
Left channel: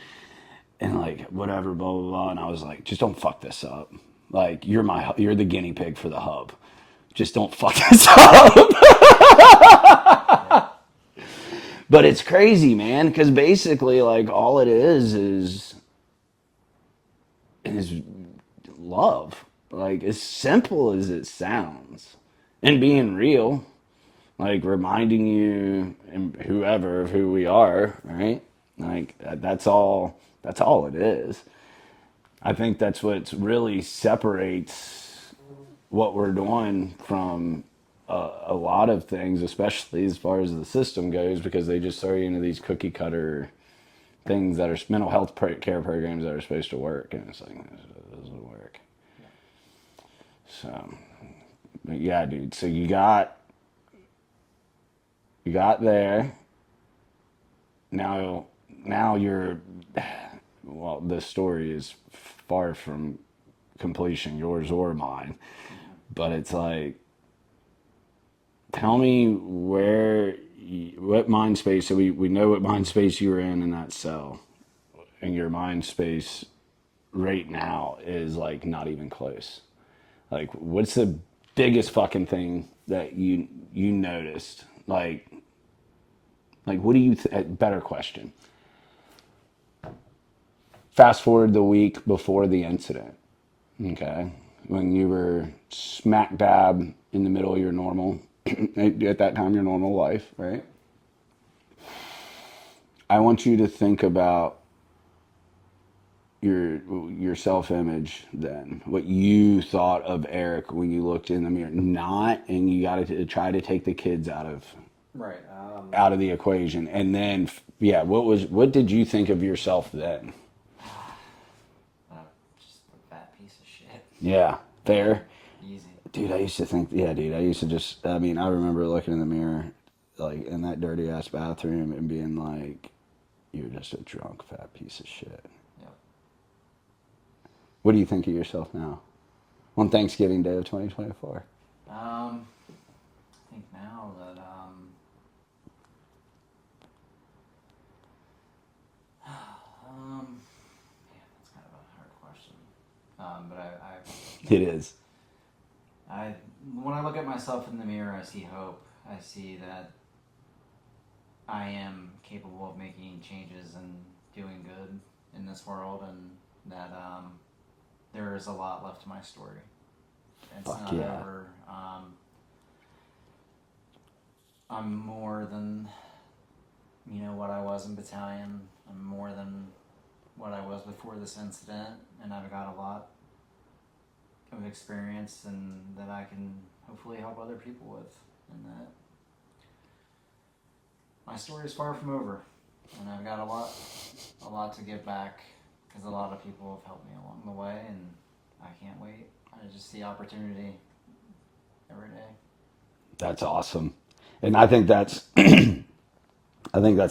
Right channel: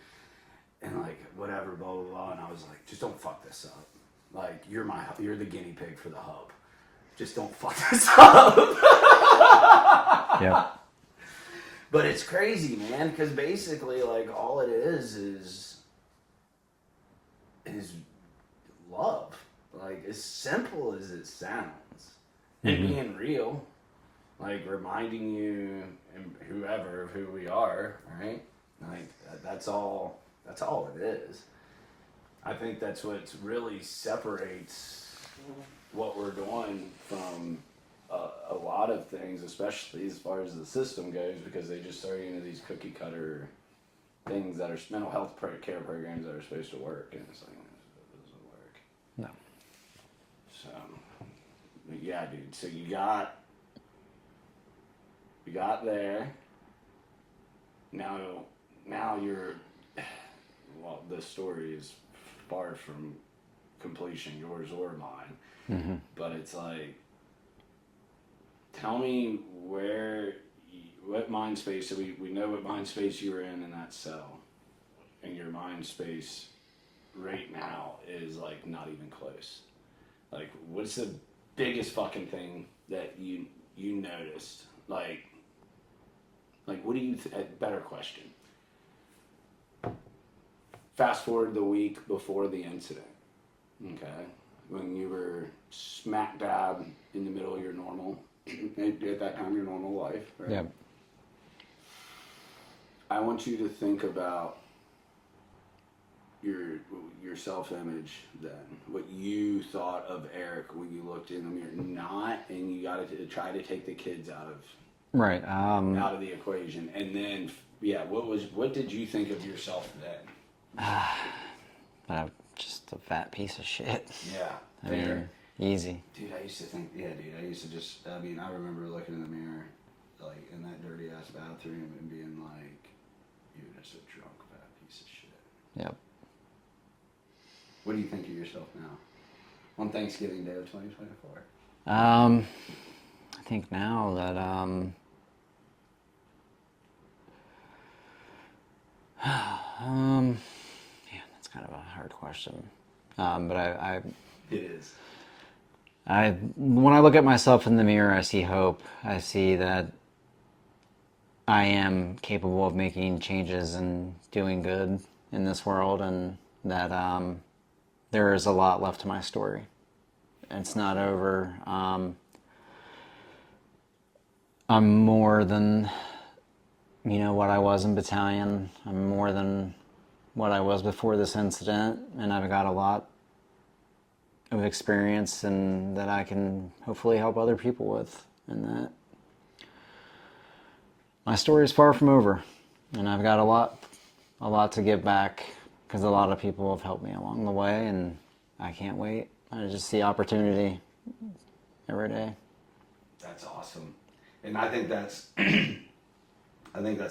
and like whatever, blah blah blah. And I was like, just don't fuck this up. Like you're the guinea pig for the hub. Just don't fuck this up. Yeah. But it's crazy, man, because basically, like, all it is love. Like, as simple as it sounds. And being real. Like, reminding you and whoever of who we are, right? Like, that's all it is. I think that's what really separates what we're doing from a lot of things, especially as far as the system goes, because they just throw you into these cookie cutter things that are mental health care programs that are supposed to work, and it's like this doesn't work. No. So, but yeah, dude. So you got there. Now you're. Well, the story is far from completion, yours or mine. Mm-hmm. But it's like, tell me what mind space. So we know what mind space you were in that cell, and your mind space right now is like not even close. Like, what's the biggest fucking thing that you noticed? Like what do you? Better question. Fast forward the week before the incident. Okay, when you were smack dab in the middle of your normal, at that time, your normal life, right? Yep. I want you to think about your self-image then, what you thought of Eric when you looked in the mirror. And you got to try to take the kids out of Right. the equation, and then what did you think of yourself then? Just a fat piece of shit. Yeah, fair. Easy. Dude, I used to think, yeah, dude, I used to just, I mean, I remember looking in the mirror, like, in that dirty-ass bathroom and being like, you're just a drunk, fat piece of shit. Yep. What do you think of yourself now? On Thanksgiving Day of 2024? I think now that, yeah, that's kind of a hard question. But It is. when I look at myself in the mirror, I see hope. I see that I am capable of making changes and doing good in this world, and that there is a lot left to my story. It's not yeah. over. I'm more than, what I was in battalion. I'm more than what I was before this incident, and I've got a lot of experience and that I can hopefully help other people with, and that my story is far from over, and I've got a lot to give back, because a lot of people have helped me along the way, and I can't wait. I just see opportunity every day. That's awesome. And I think that's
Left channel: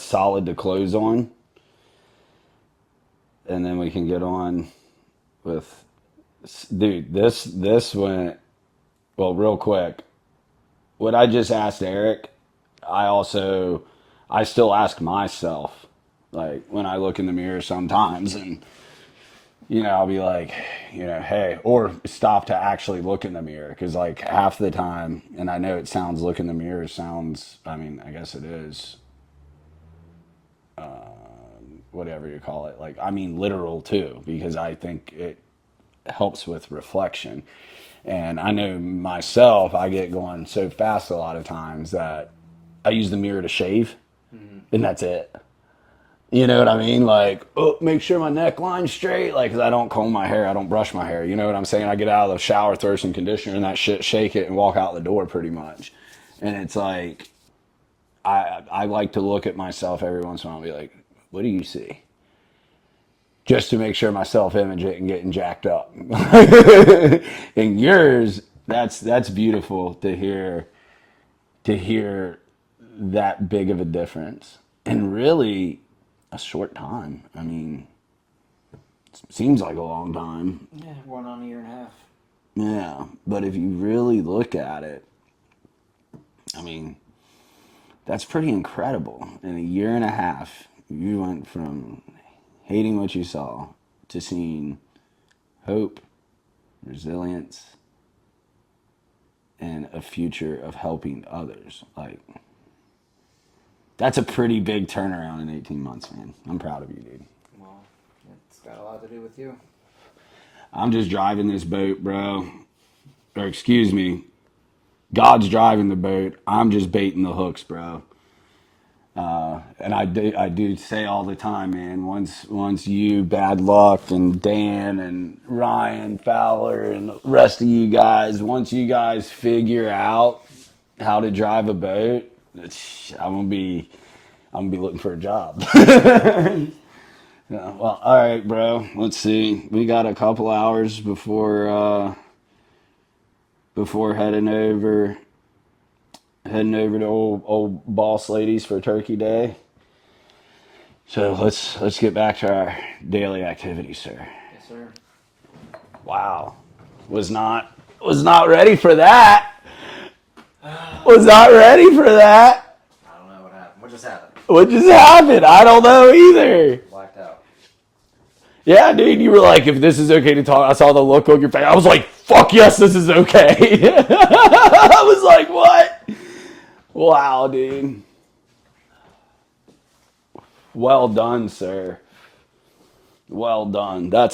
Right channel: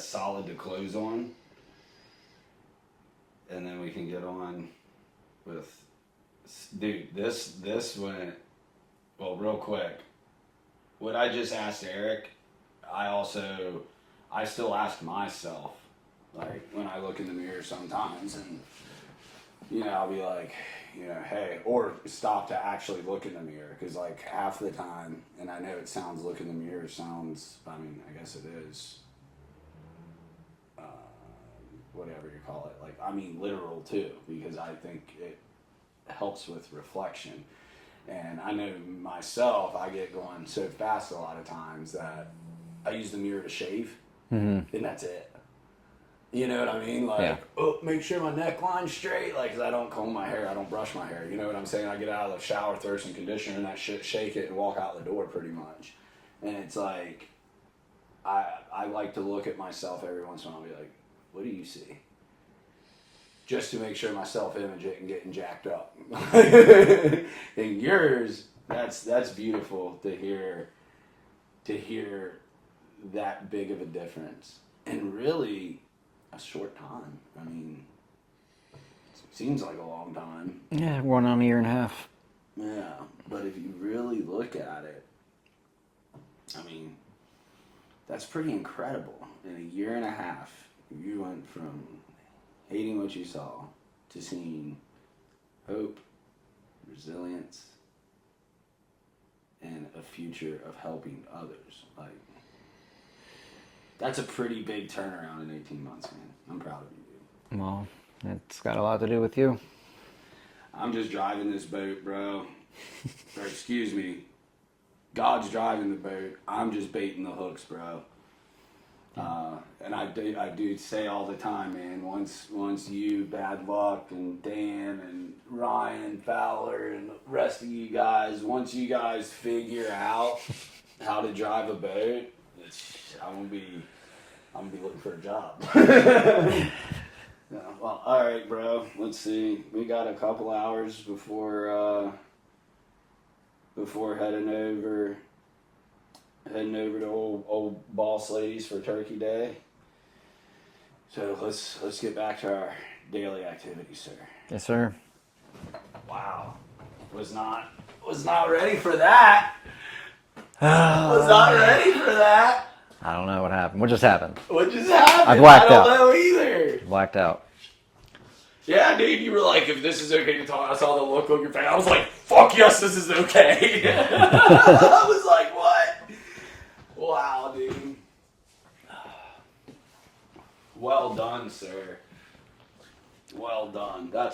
solid to close on. And then we can get on with, dude, this went, well, real quick. What I just asked Eric, I still ask myself, like when I look in the mirror sometimes, and I'll be like, hey, or stop to actually look in the mirror, because like half the time, and I know it sounds, look in the mirror sounds, I mean, I guess it is, whatever you call it, like, I mean literal too, because I think it helps with reflection. And I know myself, I get going so fast a lot of times that I use the mirror to shave, and that's it. You know what I mean? Like, oh, make sure my neckline's straight. Like, 'cause I don't comb my hair. I don't brush my hair. You know what I'm saying? I get out of the shower, throw some conditioner and that shit, shake it, and walk out the door pretty much. And it's like, I like to look at myself every once in a while and be like, what do you see? Just to make sure my self-image isn't getting jacked up. And yours, that's beautiful to hear that big of a difference. And really, a short time. I mean, it seems like a long time. Yeah, we're on a year and a half. Yeah, but if you really look at it, I mean, that's pretty incredible. In a year and a half, you went from hating what you saw to seeing hope, resilience, and a future of helping others. Like, that's a pretty big turnaround in 18 months, man. I'm proud of you, dude. Well, it's got a lot to do with you. I'm just driving this boat, bro. Or excuse me, God's driving the boat. I'm just baiting the hooks, bro. And I do say all the time, man. Once you, Bad Luck, and Dan and Ryan Fowler and the rest of you guys, once you guys figure out how to drive a boat, I'm gonna be looking for a job. Yeah, well, all right, bro. Let's see. We got a couple hours before heading over to old boss ladies for Turkey Day. So let's get back to our daily activities, sir. Yes, sir. Wow, was not ready for that. Was not ready for that. I don't know what happened. What just happened? What just happened? I don't know either. Blacked out. Yeah, dude, you were like, if this is okay to talk, I saw the look on your face. I was like, fuck yes, this is okay. I was like, what? Wow, dude. Well done, sir. Well done. That's